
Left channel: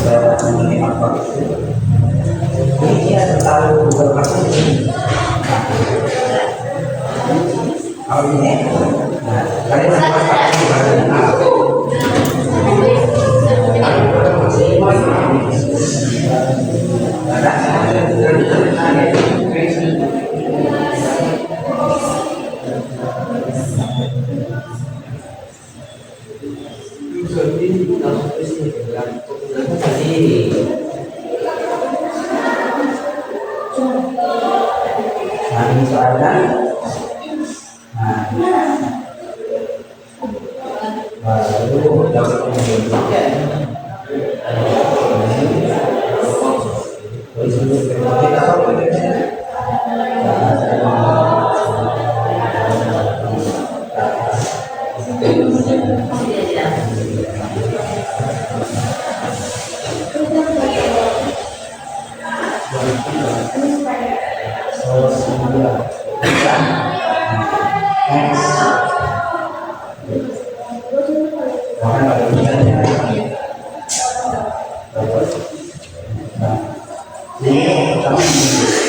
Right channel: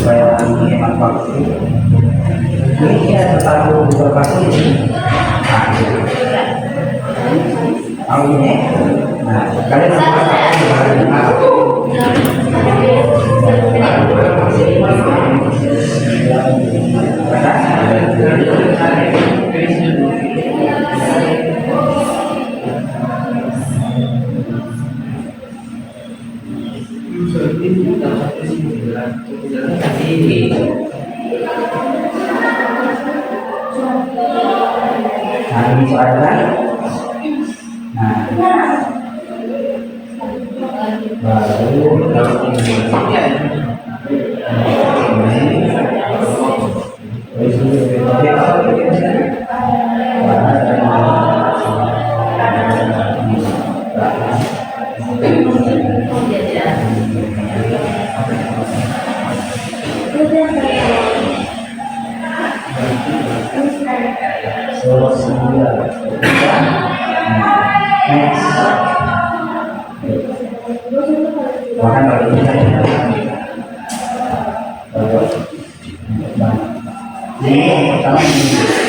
supaya menghemat waktu. Ini ya terlalu berkasih ini. Mau ini? Nah, kalian harus pakai baru. Nah, ini soalnya. Nah, baru dapat makan Ini sama ini.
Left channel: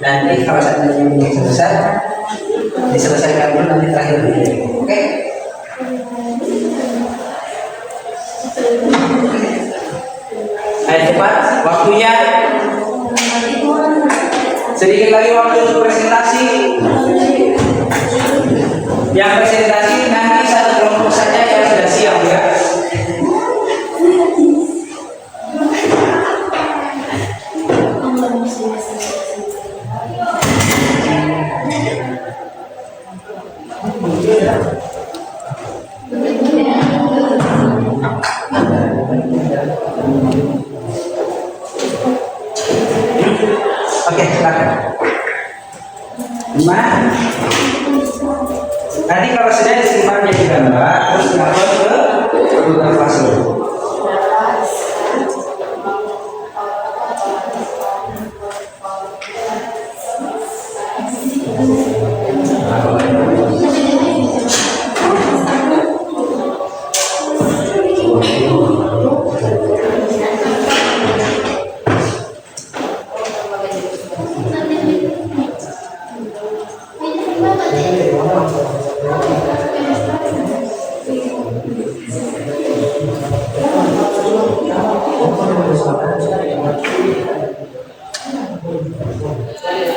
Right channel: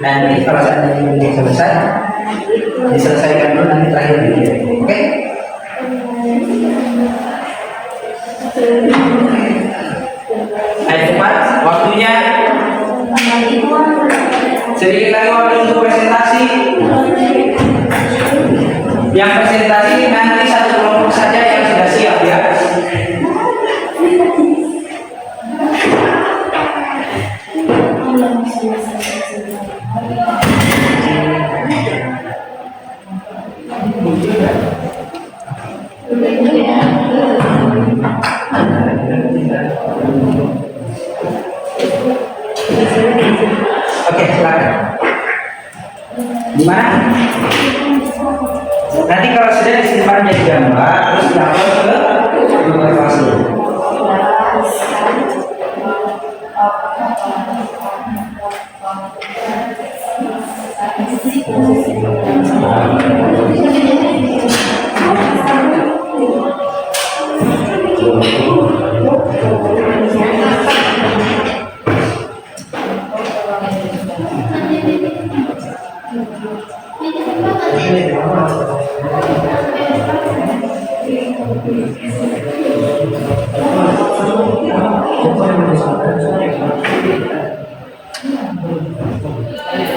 Nanti kalau saya ini selesai, diselesaikan dulu nanti terakhir dikirim. Oke? Ayo cepat, waktunya Sedikit lagi waktu untuk presentasi. Yang presentasi nanti satu kelompok saja yang sudah siap ya. Oke, silakan. Gimana? Nanti kalau sudah disimpan jadi gambar, terus diupload ke Google Classroom.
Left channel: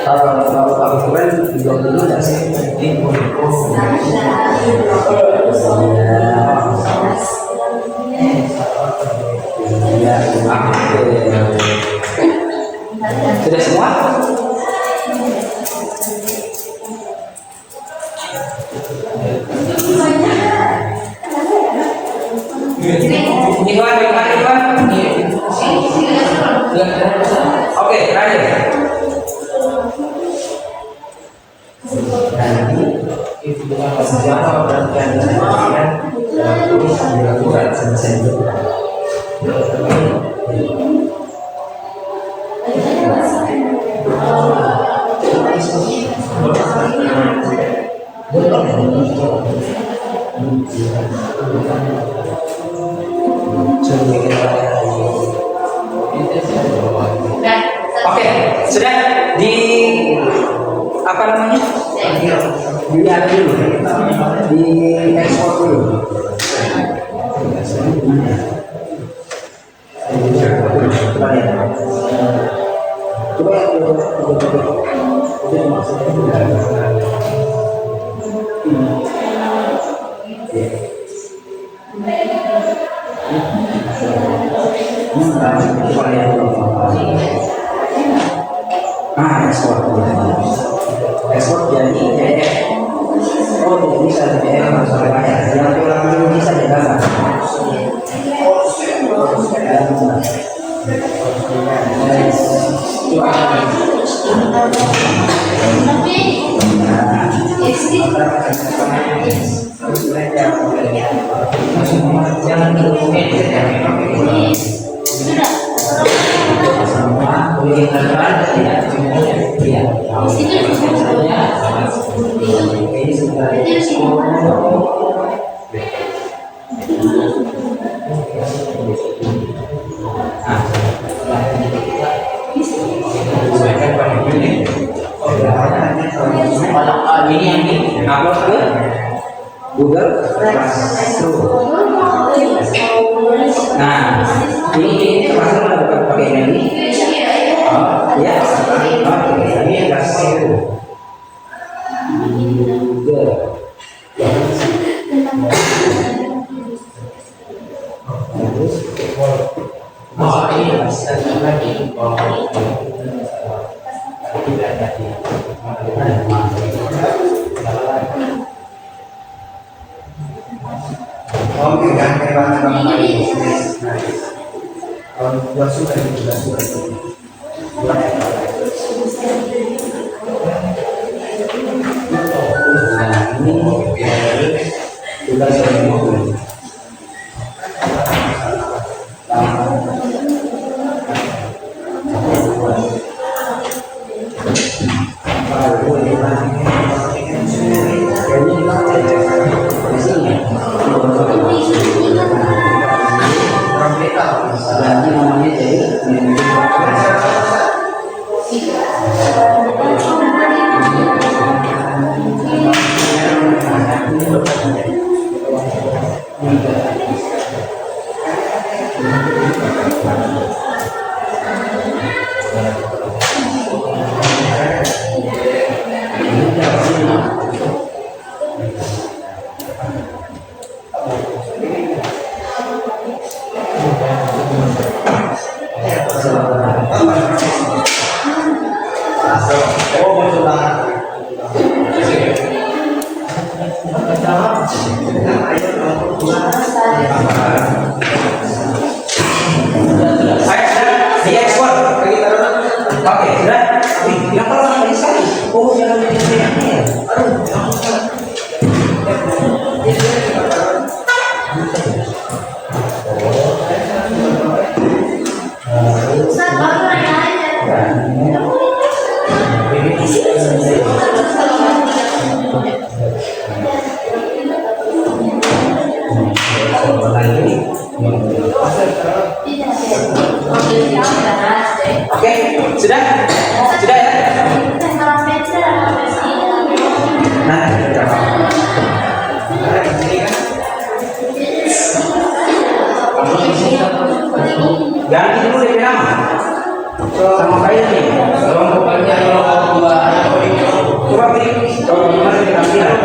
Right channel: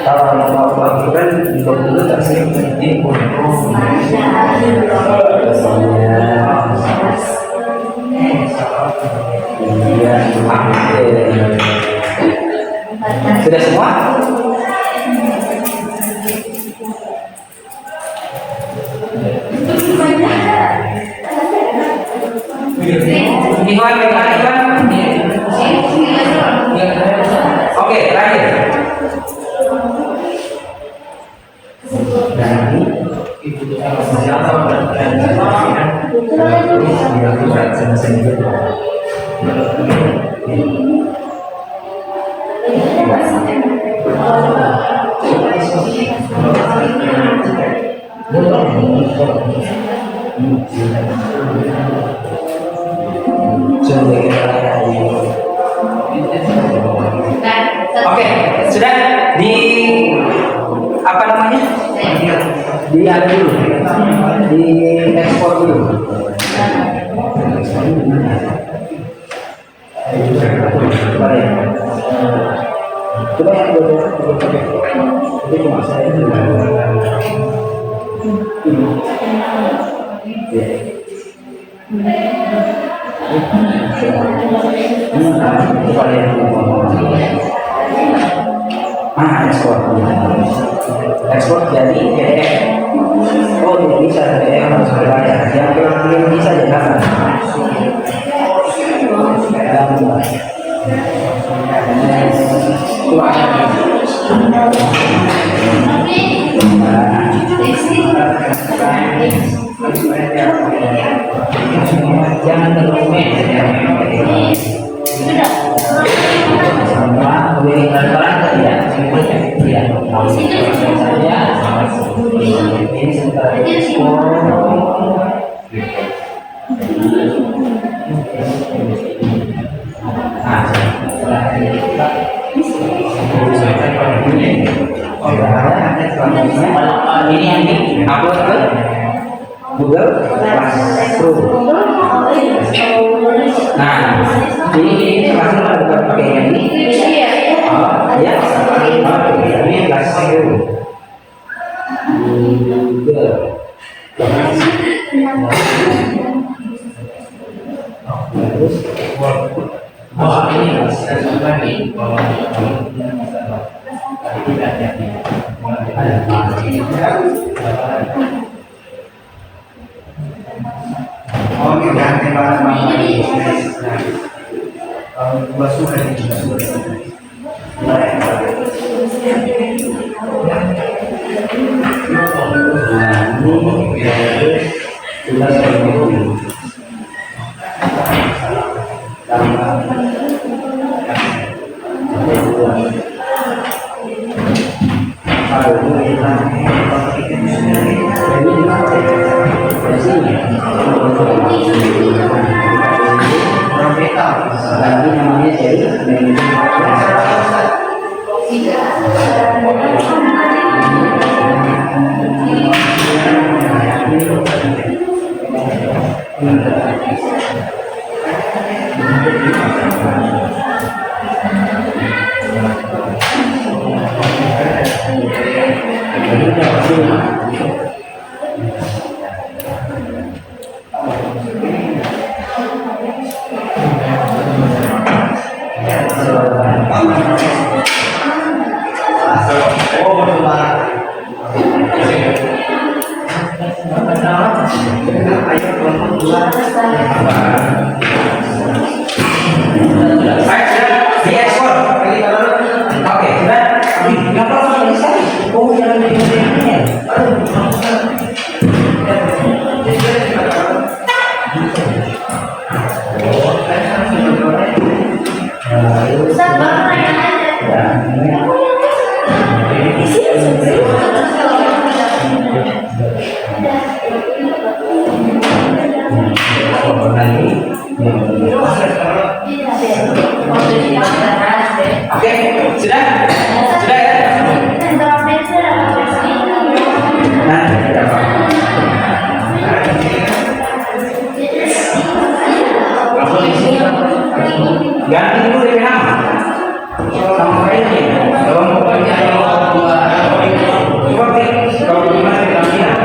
Kalau lakukan di dulu tak sih di sudah semua? Iwan. Oke, terakhir. Nanti itu siapa dan Oke, sudah di apa namanya? Di ada dulu, di ekspor dulu. Coba ya, itu cuma saya. Coba lihat ekspor jadi PDF. Oh, tidak bisa PDF harus berbayar. Yang belum bisa jangan. Jangan dokumen. Sama boleh tidak ini sebentar ini yang di upload ke Google Classroom. Nah, ini Classroom ada bukan pakai ini? Oh, ya, oke, ini Classroom. Google. Wah, ini masih lagi. Oke, dan buat suka juga Oke, sudah? Sudah ya? Nah, kita ganti dulu DP nama sama failnya. Coba klik kalau gimana di tampilan.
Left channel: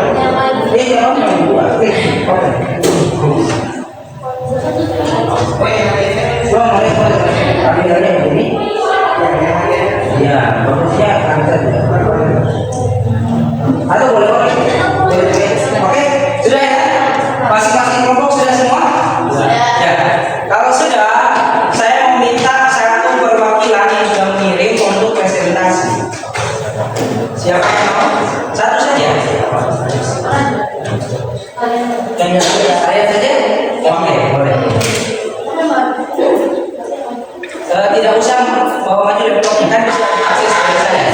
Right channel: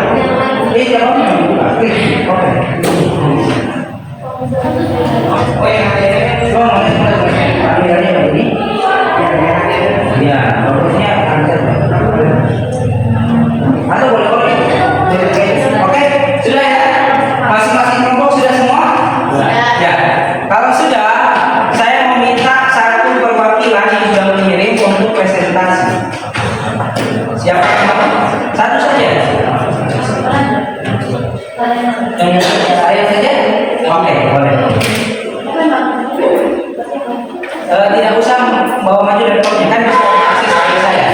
Jawabnya dua. Klik. Oke. Mulai. Tampilannya begini. Ya, bagusnya angkat. Atau boleh. Oke, sudah ya? Masing-masing kelompok sudah semua? Ya. Kalau sudah, saya meminta satu perwakilan yang sudah mengirim untuk presentasi. Siapa yang mau? Satu saja. Tanya saya saja? Oke, boleh. Tidak usah bawa maju laptopnya, kan bisa diakses oleh saya.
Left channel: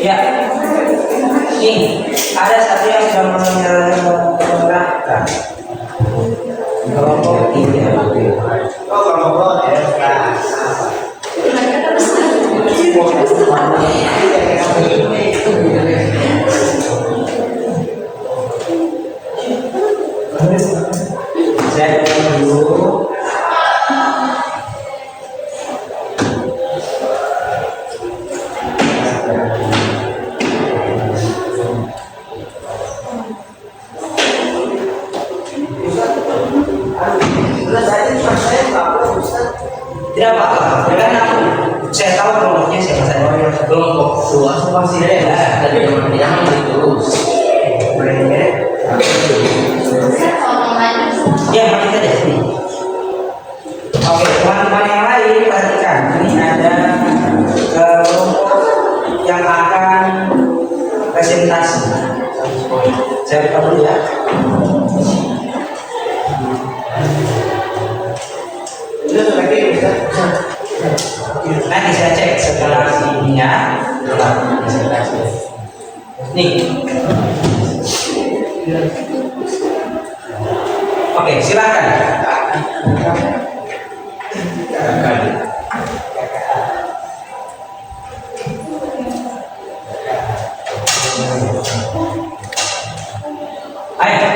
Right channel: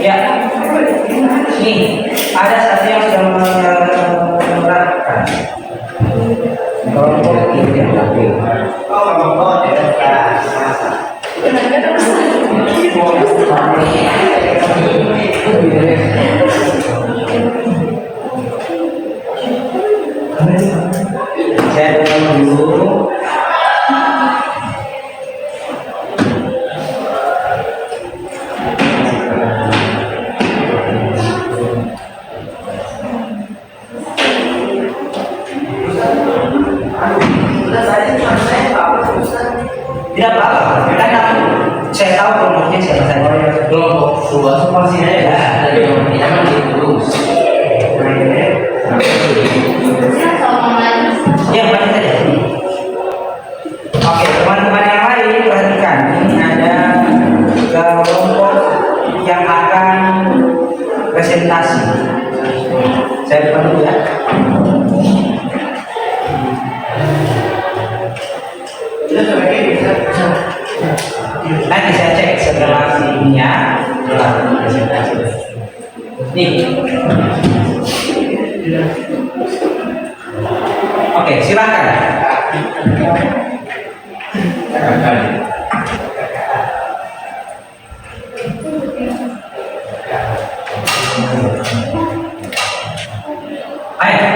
Ya, nih ada satu yang sudah menerapkan kelompok ini. Saya tutup dulu. Tidak apa-apa, kan saya tahu kelompoknya siapa saja. Kelompok luas pasti ada, tapi yang terus. Ya, maju saja. Oke, teman-teman yang lain perhatikan. Ini ada kelompok yang akan presentasi. Saya buka dulu ya. Nanti saya cek setelah sininya. Nih. Oke, silakan. Ayo.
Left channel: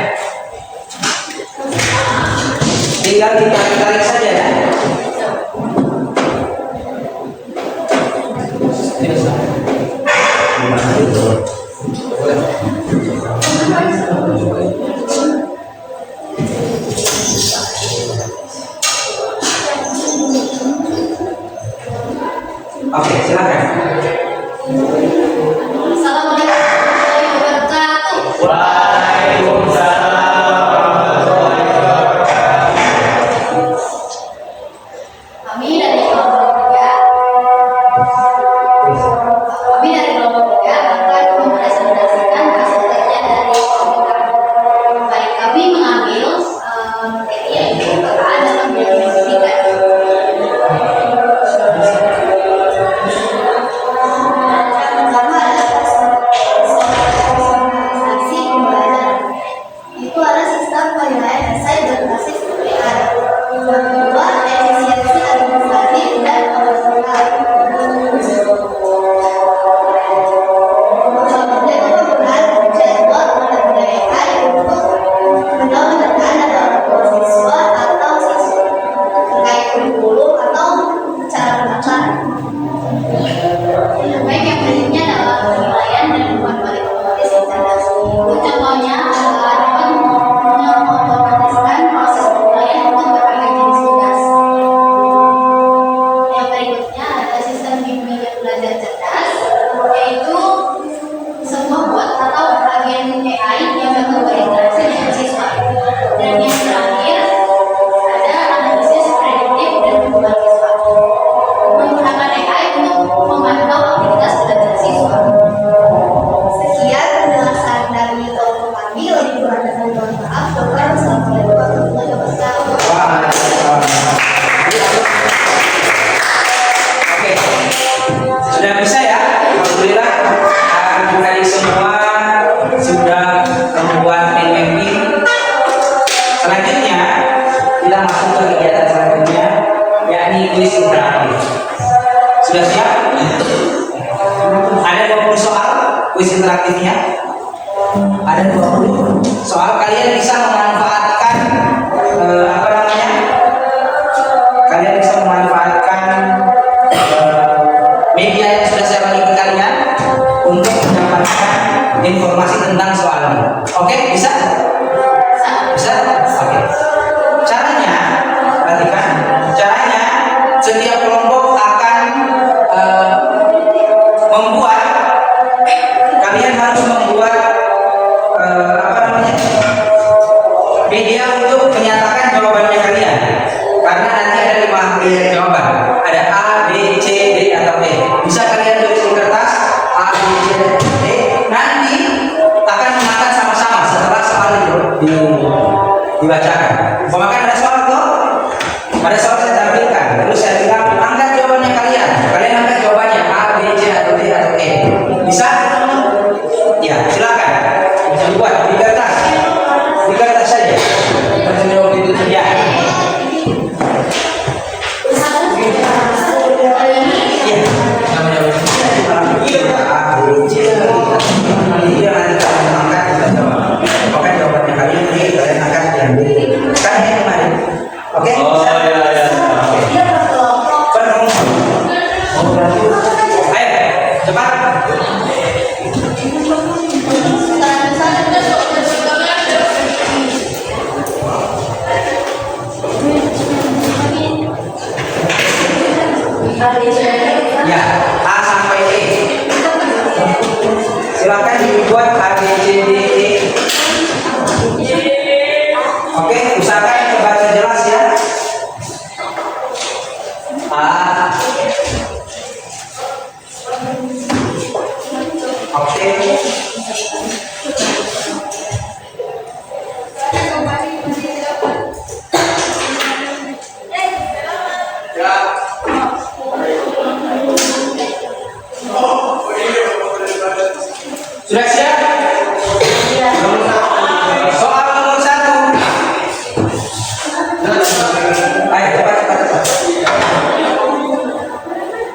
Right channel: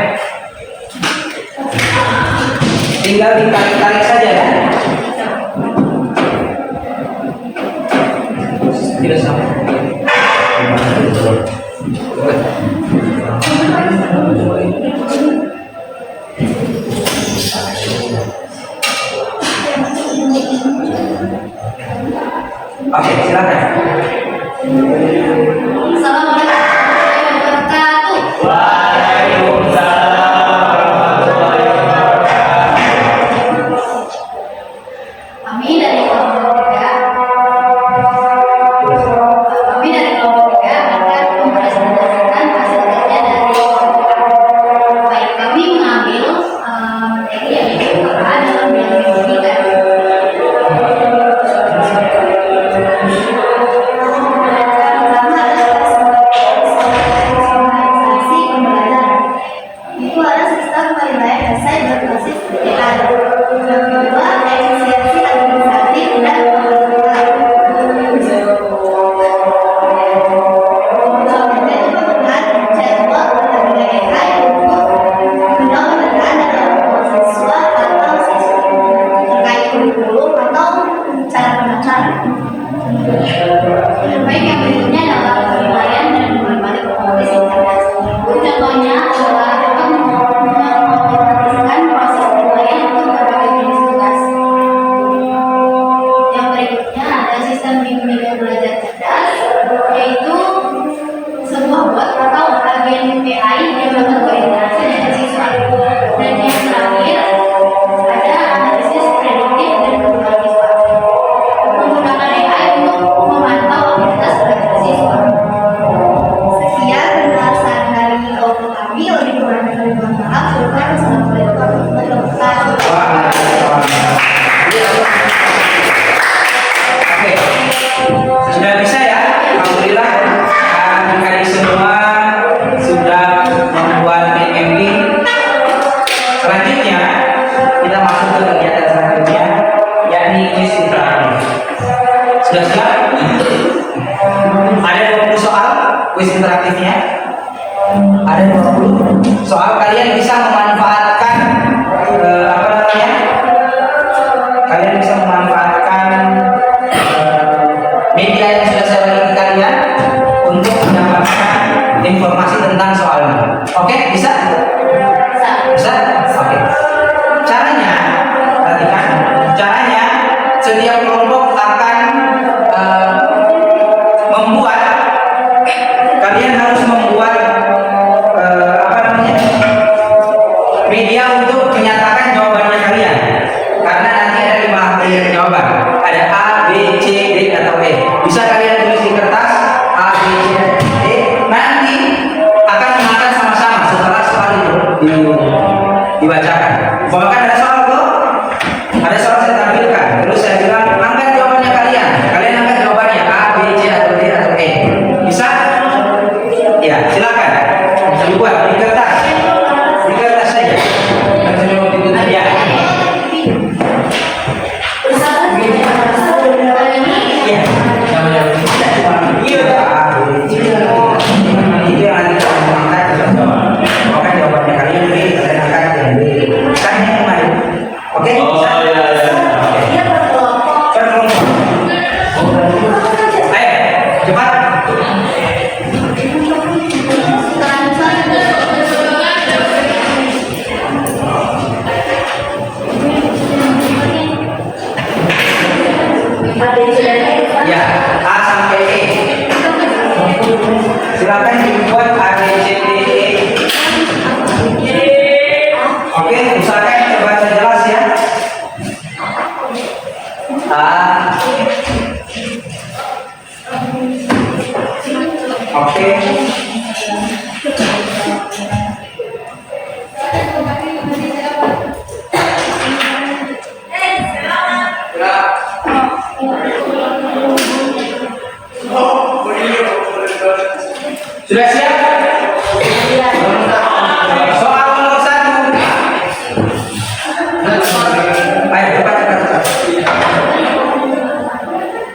Tinggal ditarik-tarik saja ya. Tidak sampai. Oke, silakan. Assalamualaikum warahmatullahi wabarakatuh. Kami dari kelompok 3 akan mempresentasikan hasil kerja dari kelompok A. Baik, kami mengambil materi yaitu A dalam bidang pendidikan. Pertama Sudah siap? Ada 20 soal kuis interaktifnya. Ada 20 soal. Kalian bisa memanfaatkan apa namanya? Kalian bisa memanfaatkan media yang sudah saya bagi ke kalian untuk mendapatkan informasi tentang soalnya. Oke, bisa? Bisa? Oke. Caranya, perhatikan. Caranya, setiap kelompok akan membuat, kalian harus membuat apa namanya, media untuk menyatakan jawabannya kalian. Karena nanti ada 5 pilihan jawaban. Ada A, B, C, D atau E. Bisa kalian tulis di kertas A, B, C, dan D. Nanti akan mengangkat sama-sama setelah soal itu dibacakan. Bahkan ada soal tuh, ada soal saya tampilkan. Terus saya bilang angkat jawabannya kalian. Kalian angkat jawabannya A, B, C atau D atau E. Bisa? Ya, silakan. Dibuat di kertas. Di kertas saja. Langsung jawab itu. Ya. Iya. Namanya apa? Iya, Pak. Itu yang nanti kamu angkat kita jawab. Oke, jawabannya kalian B, kalian angkat yang B. Kan yang kemarin. Oke? Oh, Bisa? iya, iya. Oke. Berkelompok. Ayo, cepat. Ya, A sampai E. Silakan dibuat A, B, C, D, E. Oke, usahakan terbaca jelas ya. A. Oke. Sudah siap? Soal nomor 1. Ayo, cepat.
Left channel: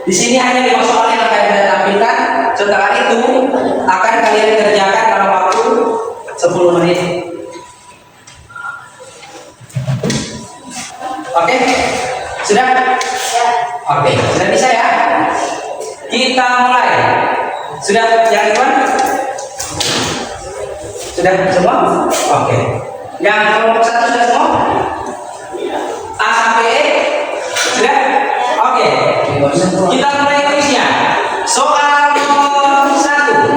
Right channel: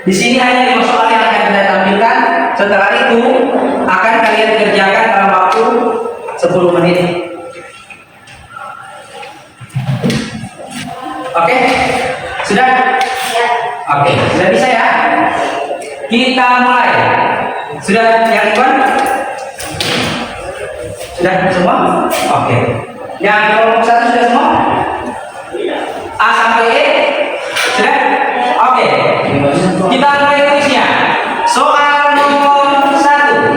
Di sini hanya 5 soal yang akan saya tampilkan. Setelah itu akan kalian kerjakan dalam waktu 10 menit. Oke? Sudah? Oke, sudah bisa ya? Kita mulai. Sudah yang Iwan? Sudah semua? Oke. Yang kelompok 1 sudah semua? A sampai E? Sudah? Oke. Kita mulai kuisnya. Soal nomor 1.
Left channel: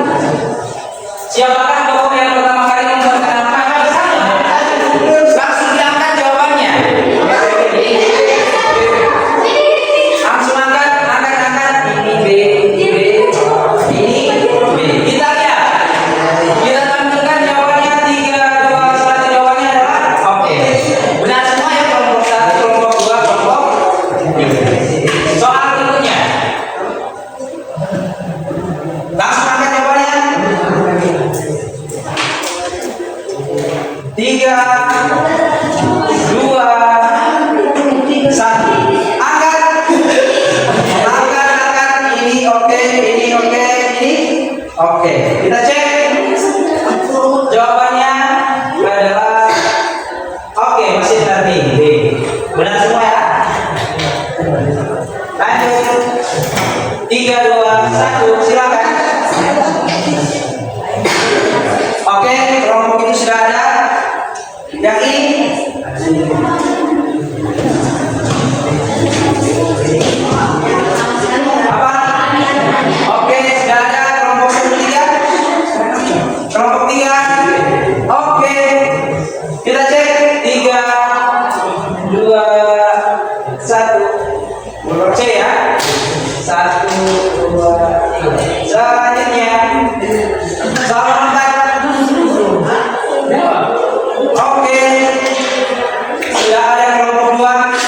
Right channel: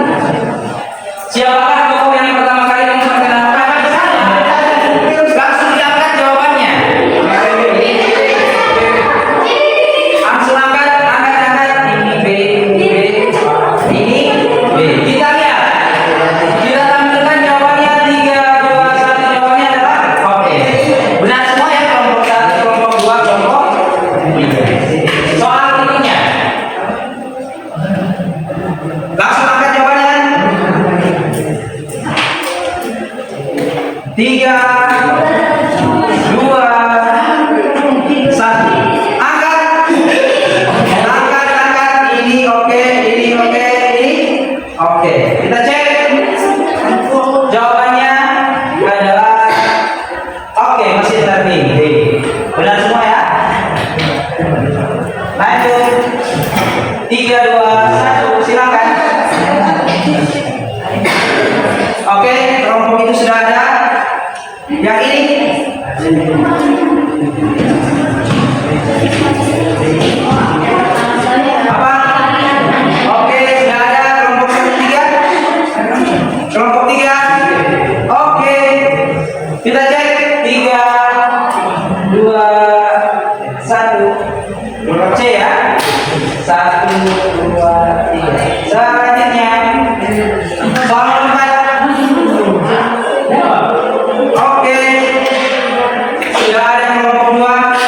Siapakah tokoh yang pertama kali memperkenalkan? Langsung diangkat jawabannya. Langsung angkat. Ini B, ini B. Kita lihat. Kita tampilkan jawabannya 3, 2, 1. Jawabannya adalah oke. Benar semua ya, kelompok 1, kelompok 2, kelompok. Soal berikutnya. Langsung angkat jawabannya. 3, 2, 1. Angkat. Ini oke, ini oke, ini oke. Kita cek. Jawabannya adalah oke, masih benar nih. B. Benar semua ya? Lanjut. 3, 2, 1. Silakan. Oke, kelompok itu sudah ada. Yang ini. Apa? Oke, sudah ada kelompok 3. Kelompok 3. Oke. Kita cek 3, 2, 1. Kelompok C ya. 1, 2, 3. Selanjutnya soal nomor 4. Oke. Sudah ada kelompok 2.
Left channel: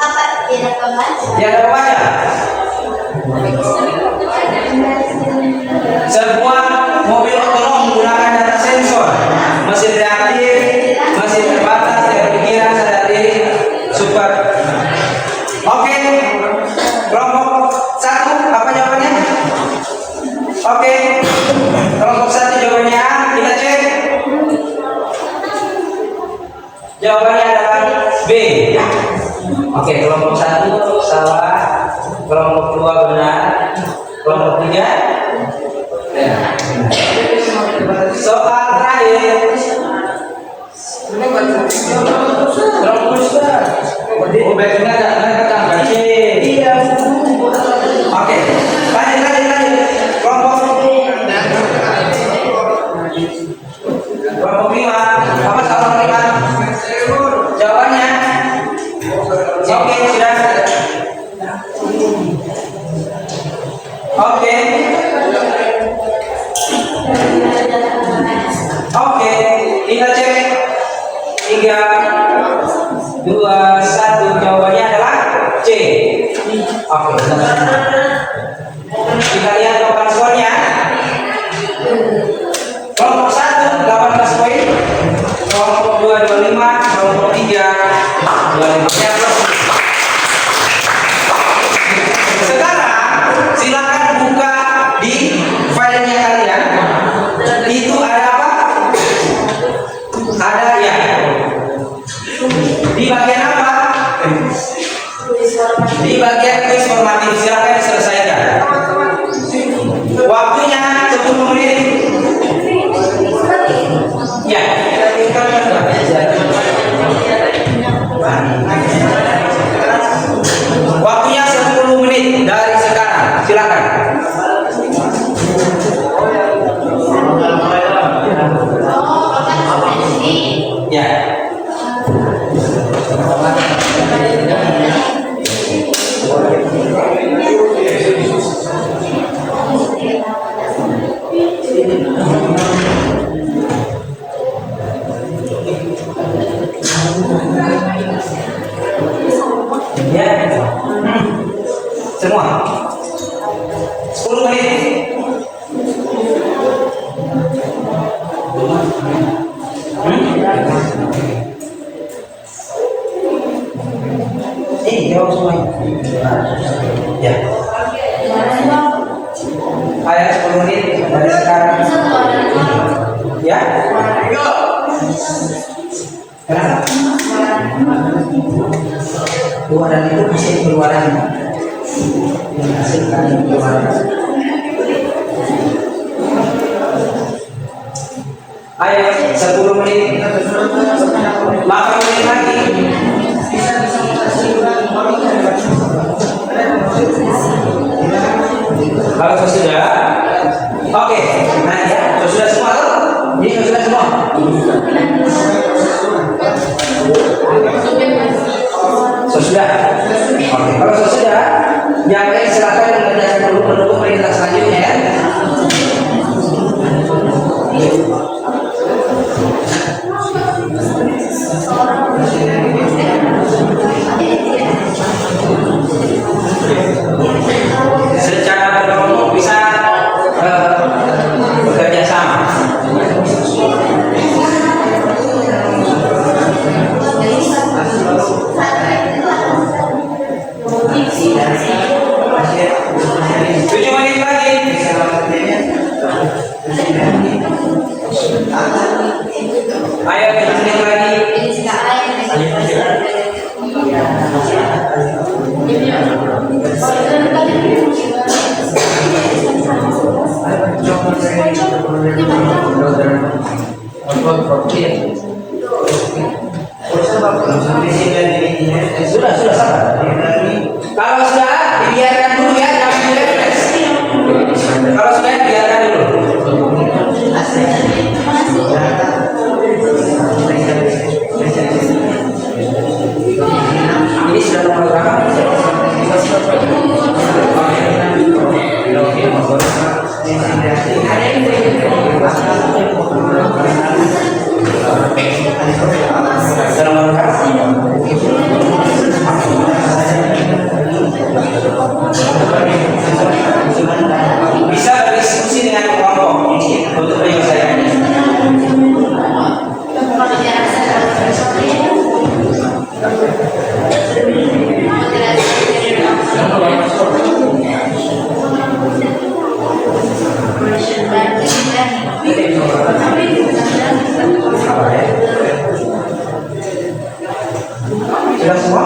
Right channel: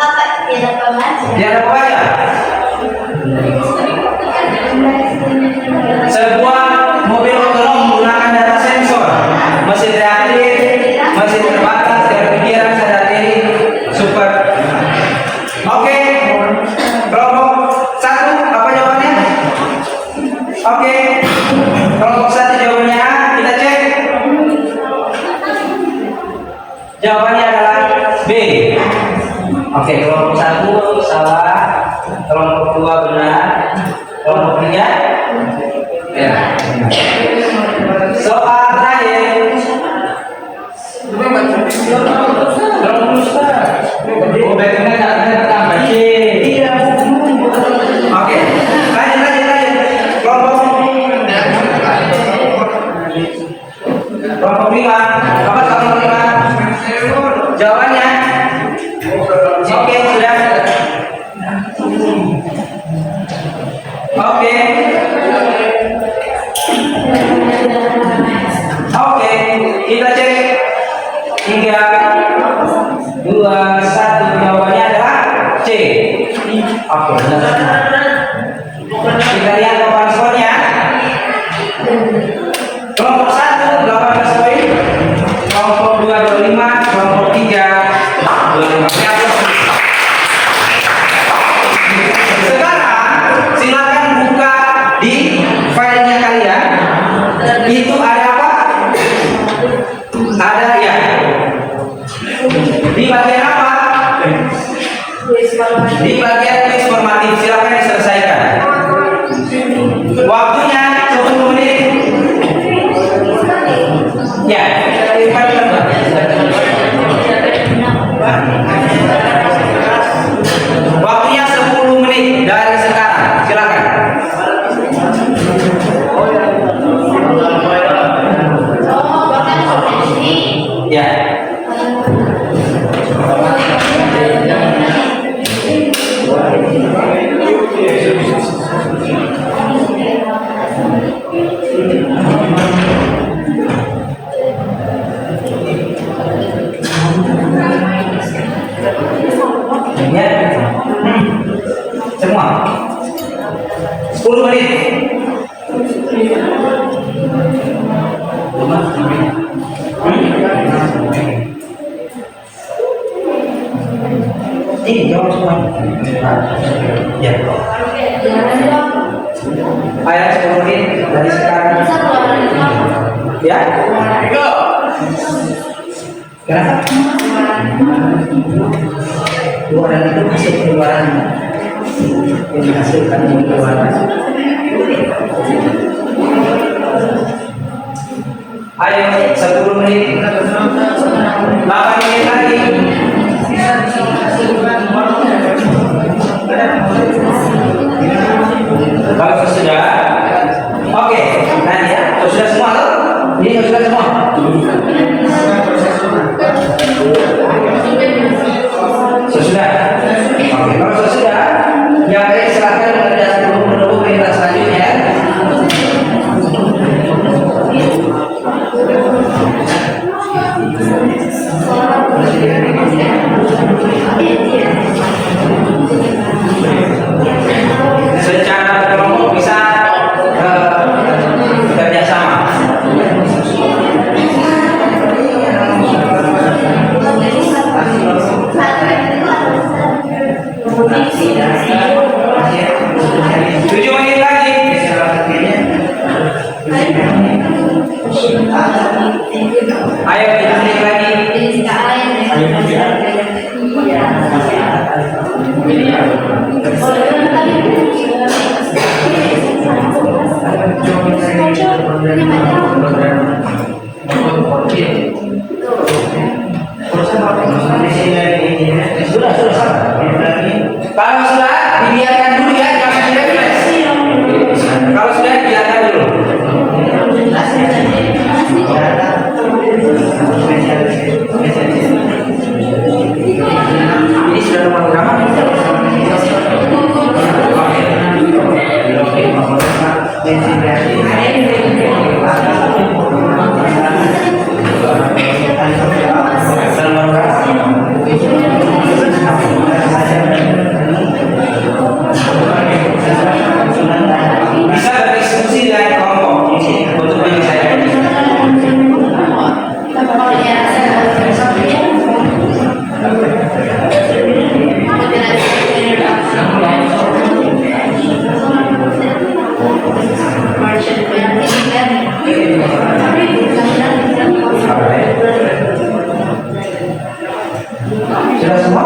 Apa tidak pembaca? Dia ada apa aja? Sebuah mobil otonom menggunakan data sensor, mesin reaktif, mesin terbatas, refrigeran, sadar diri, Super. Oke. Kelompok 1 apa jawabannya? Oke. Kelompok 1 jawabannya A. Kita cek. Jawabannya adalah B. Oke, kelompok 1 salah. Kelompok 2 benar. Kelompok 3 ya. Soal terakhir. Oh, baik, benar. Oke, lanjut. Kelompok 5. Apa soal 5? Jawabannya? Oke, sudah. Oke. Oke, kita cek. 3, 2, 1. Jawabannya adalah C. Oke, kita lihat total skornya. Kelompok 1 18 poin, kelompok 2 25, kelompok 3 25. Sekarang silakan buka di filenya kalian. Itu ada apa? Ada ya. Di bagian apa? Di bagian kuis formatif. Silakan diselesaikan. Waktunya 10 menit. Ya. Waktunya 10 menit dari sekarang. Silakan. Ya. Semua 10 menit. Ini jawab semuanya. Ya. Ayo 10 menit dari sekarang. Ya. Kenapa? Keluaran itu hasil keluaran yang dihasilkan yang keluaran. Ayo 10 menit, 8 menit lagi. Kalau sudah, oke, nanti ya. Sudah semua tuh? Ini sudah semua. Sudah. Oke, kalau sudah, yang baik silakan mengerjakan dulu menunggu perintah selanjutnya. Sudah semua?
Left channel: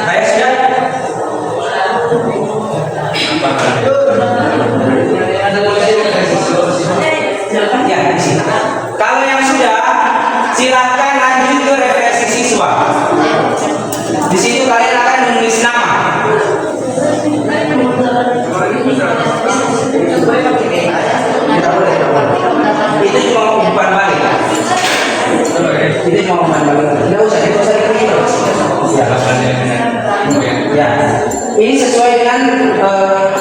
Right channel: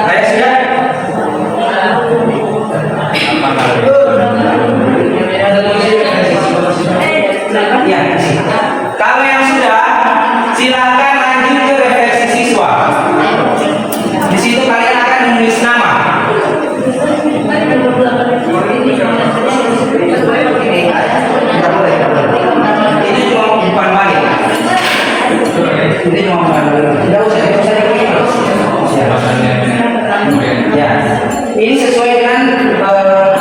Baik, sudah? Ya, di sini. Kalau yang sudah, silakan lanjut ke refleksi siswa. Di situ kalian akan menulis nama. Ini cuma bukan balik. Ini cuma bukan balik. Tidak usah diklik. Ya. Ya. Ini sesuai dengan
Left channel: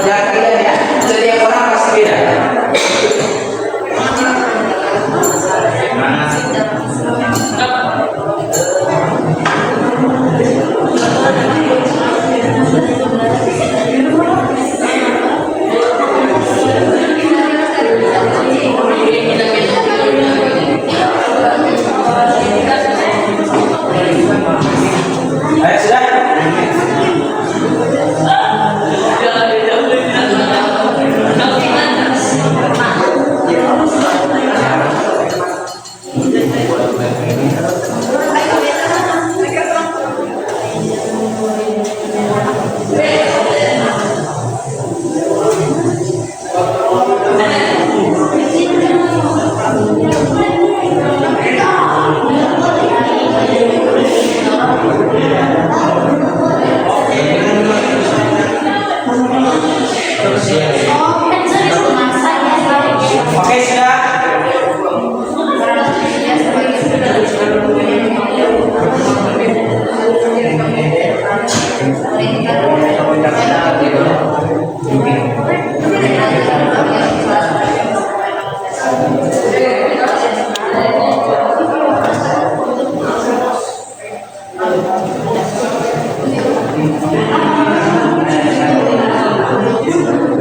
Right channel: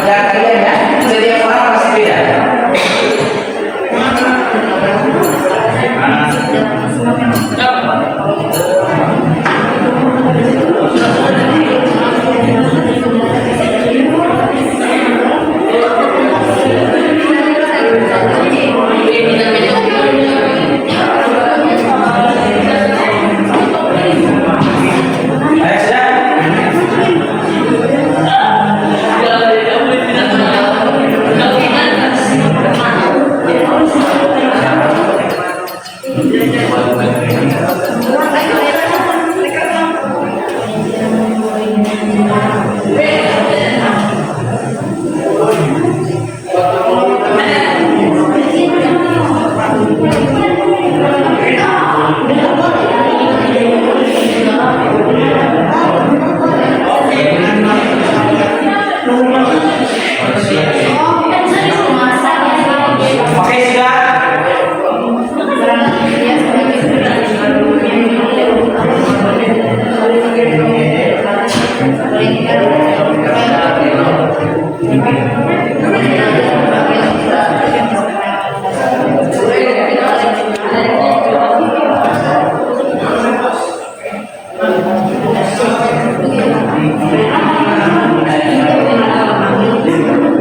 yang kalian ya. Setiap orang pasti beda. Ayo sudah. Oke, sudah.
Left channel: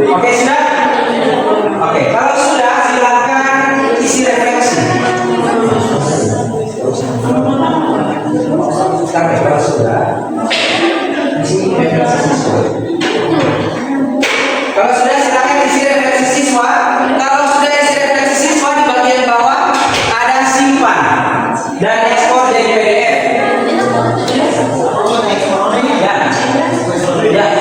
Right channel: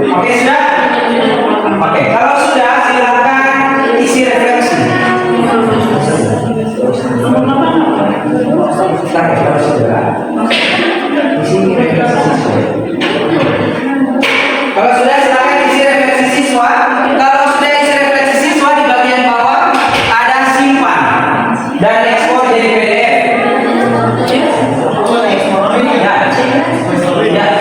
Oke, sudah. Oke, kalau sudah silakan isi refleksi. Oke, kalau sudah isi refleksi siswa. Kalau sudah silakan isi refleksi siswa. Kalau sudah isi refleksi siswa di bagian bawah ada simpan dan ekspor jadi PDF. Ya.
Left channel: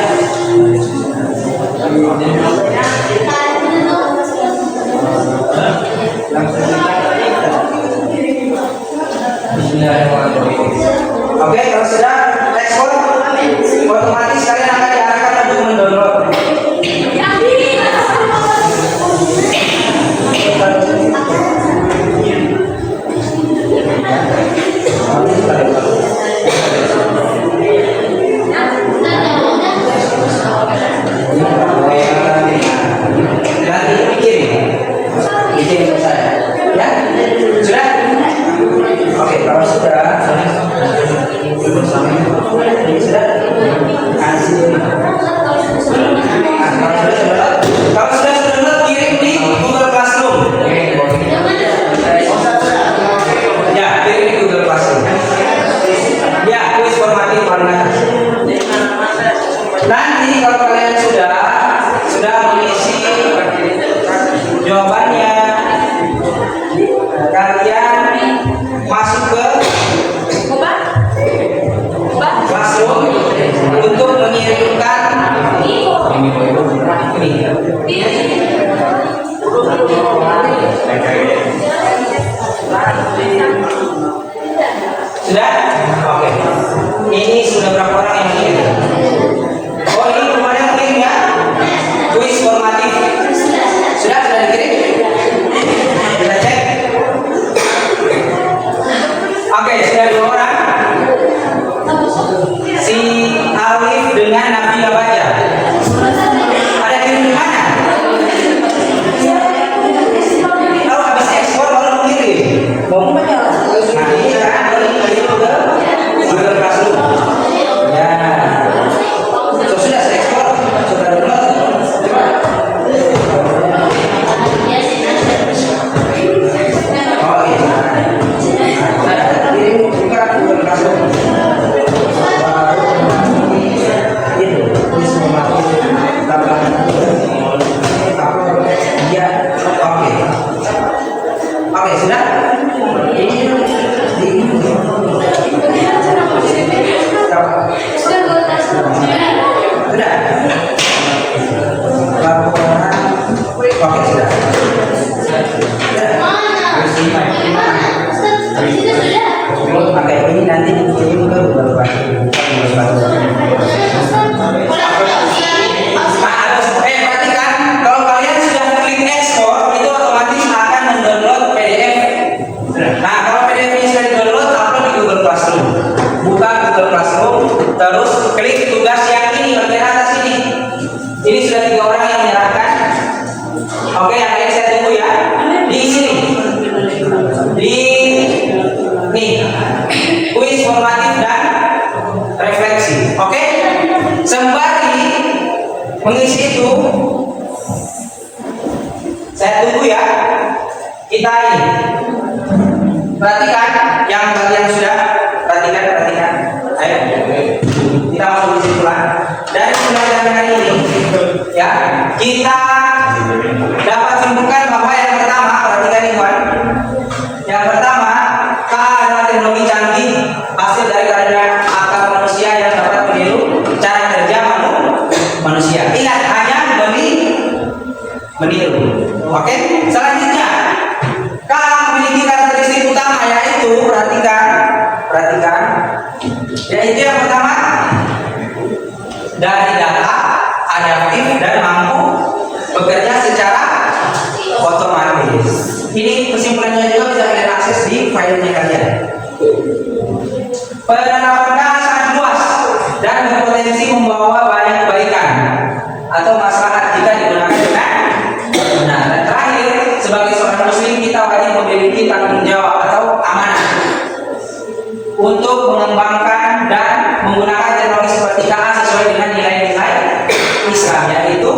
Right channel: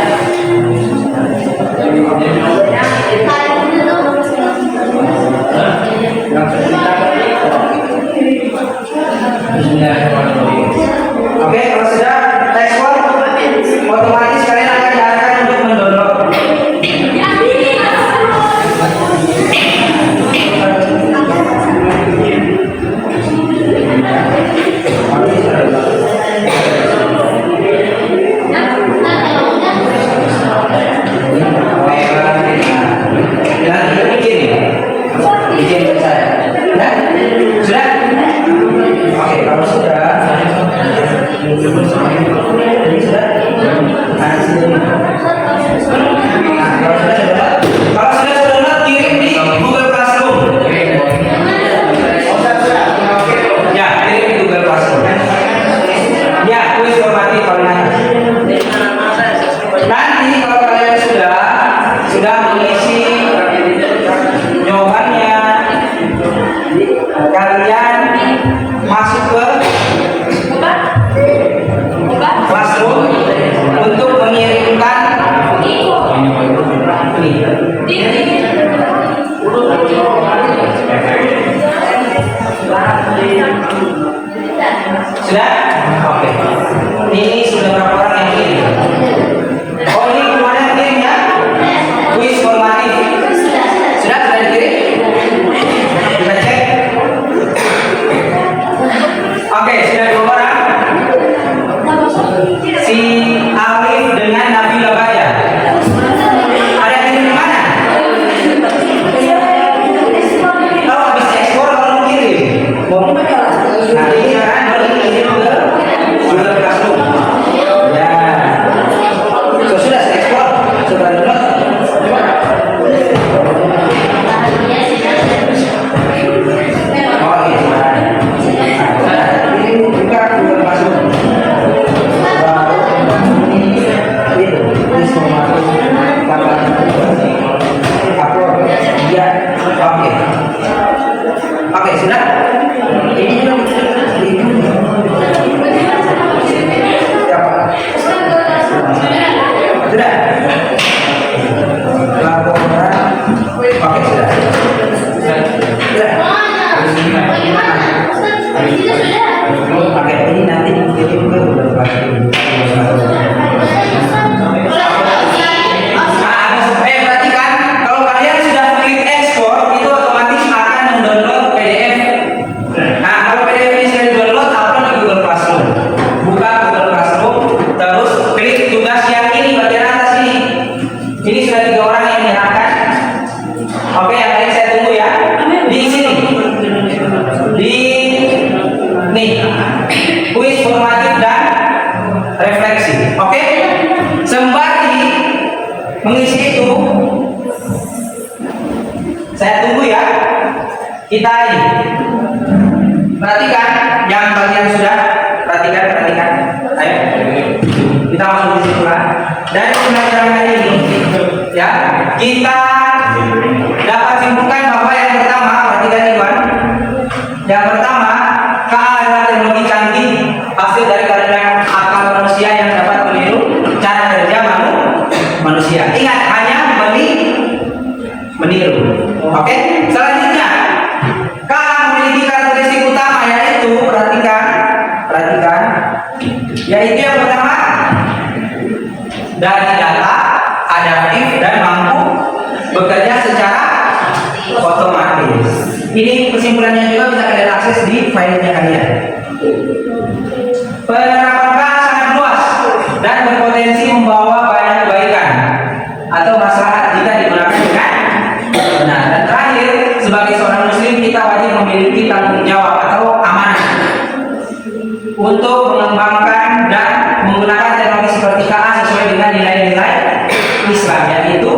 Ya. Oke, kalau sudah ekspor, otomatis kalian akan diarahkan untuk mendownload. Nanti bikin saya, ya sudah. Oke, kalau sudah. Ini sudah. Nah, sini. Kalau sudah download, kirim di Google Classroom. Ya, kirim di Google Classroom. Ya, kuis formatif paling atas. Nanti kalau kalian sudah mengisi jawabannya, kalian masuk ke Classroom untuk mengirimkan ini. Sudah? Oke. Ini sudah berapa orang yang kirim? Oh, ini kemarin kirim ya? Kuis formatif. Sudah dikirim? Kita cek. Oke, sudah 2 orang. Si Alif dengan Nabila Baja. Ada kirim di mana? Oh, habis ekspor baru kirim. Nanti kan Google Classroom. Oke, sudah. Sudah. Harus lima ya. Bagaimana? Ustaz, habis itu sudah. Pakai ini nanti kirim ke beberapa perhatikan, kalau kalian sudah klik ekspor, itu otomatis akan mendownload PDF. Nah, kalau PDF ini sudah di-download, upload di Google Classroom. Buka Google Classroom, terus klik tugas yang ini bagian atas ini. Ini sudah 3 orang yang menyerahkan. Oke, yang lain saya tunggu ya. Di sini. Di nih. Kuis formatif dan refleksi. Oke? Sembari mengisi itu, saya tunggu ya. Kita ini perhatikan yang bagian sudah, perhatikan. Ayo, kita masuk di situ lah. Dari pembelajaran hari ini, ya, kita dapat simpulkan bahwa yang pertama, perhatikan Iwan. Yang pertama, KA adalah teknologi canggih hasil dari karya akal manusia yang dapat meniru cara kerja manusia. Ingat, hanya meniru. Oke? Selanjutnya, KA memiliki karakteristik utama yaitu perhatikan, yaitu yang pertama, dari data adaptif dan mampu bekerja secara otomatis. Ini kesimpulannya juga bisa kalian akses di filenya kalian. Penerapan sangat luas dan berpotensi membawa banyak kebaikan atau maslahat jika digunakan dengan benar. Dan terakhir, sebagai seorang muslim kita wajib memiliki tanggung jawab atau amanah untuk mengembangkan dan menggunakan teknologi seperti KA sesuai dengan nilai-nilai Islam, yaitu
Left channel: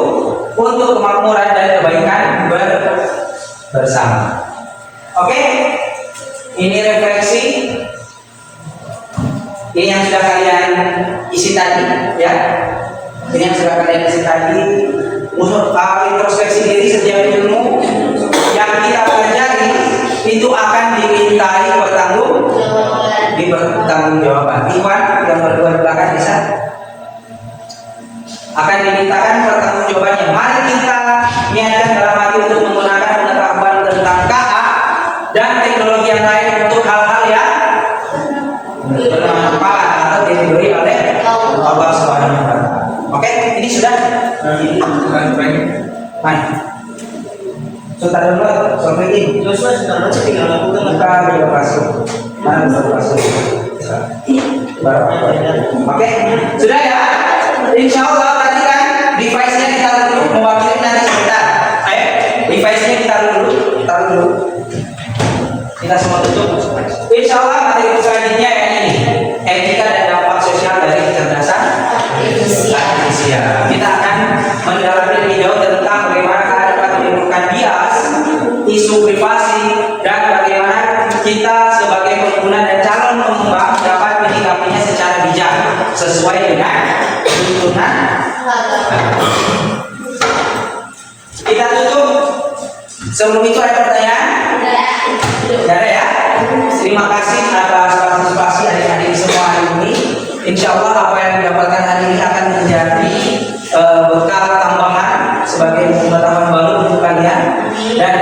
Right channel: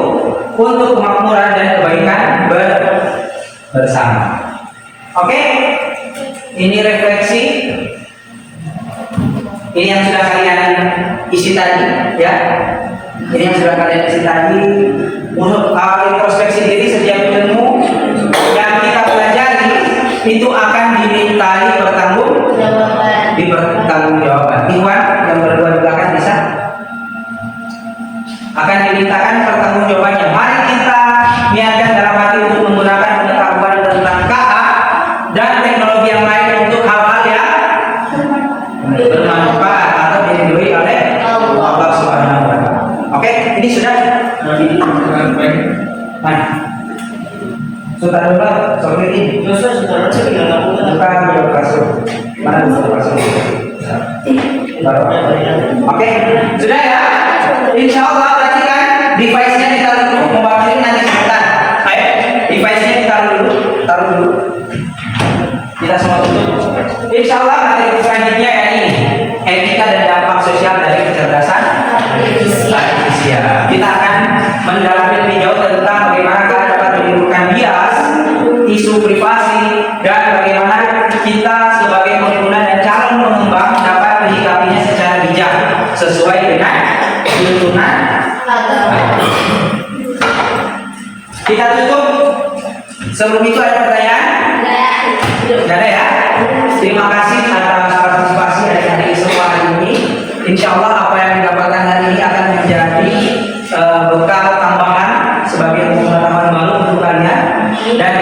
untuk kemakmuran dan kebaikan bersama. Oke? Ini refleksi. Ini yang sudah kalian isi tadi, ya. Ini yang sudah kalian isi tadi. Untuk introspeksi diri, setiap ilmu yang kita pelajari itu akan dimintai pertanggungjawaban. Iwan yang berdua di belakang bisa akan dimintakan pertanggungjawabannya. Mari kita niatkan dalam hati untuk menggunakan pengetahuan tentang KA dan teknologi yang lain untuk hal-hal yang bermanfaat atau diridhoi oleh Allah Subhanahu wa Ta'ala. Oke, ini sudah. Mana? Sudah dulu, ini. Bukan Google Classroom. Mana Google Classroom? Oke, sudah ya. Insya Allah tadi kan device-nya ditaruh dulu, mau kirim nanti sebentar. Ayo, device-nya ditaruh dulu. Kita semua tutup. Insya Allah materi selanjutnya ya ini etika dan dampak sosial dari kecerdasan artifisial. Kita akan mendalami lebih jauh tentang bagaimana kita dapat menimbulkan bias, isu privasi, dan bagaimana kita sebagai pengguna dan calon pengembang dapat menyikapinya secara bijak sesuai dengan tuntunan. Kita tutup. Sebelum itu ada pertanyaan? Tidak ada ya? Terima kasih atas partisipasi adik-adik semua hari ini. Insya Allah apa yang didapatkan hari ini akan menjadi bekal tambahan sebagai pengetahuan baru untuk kalian dan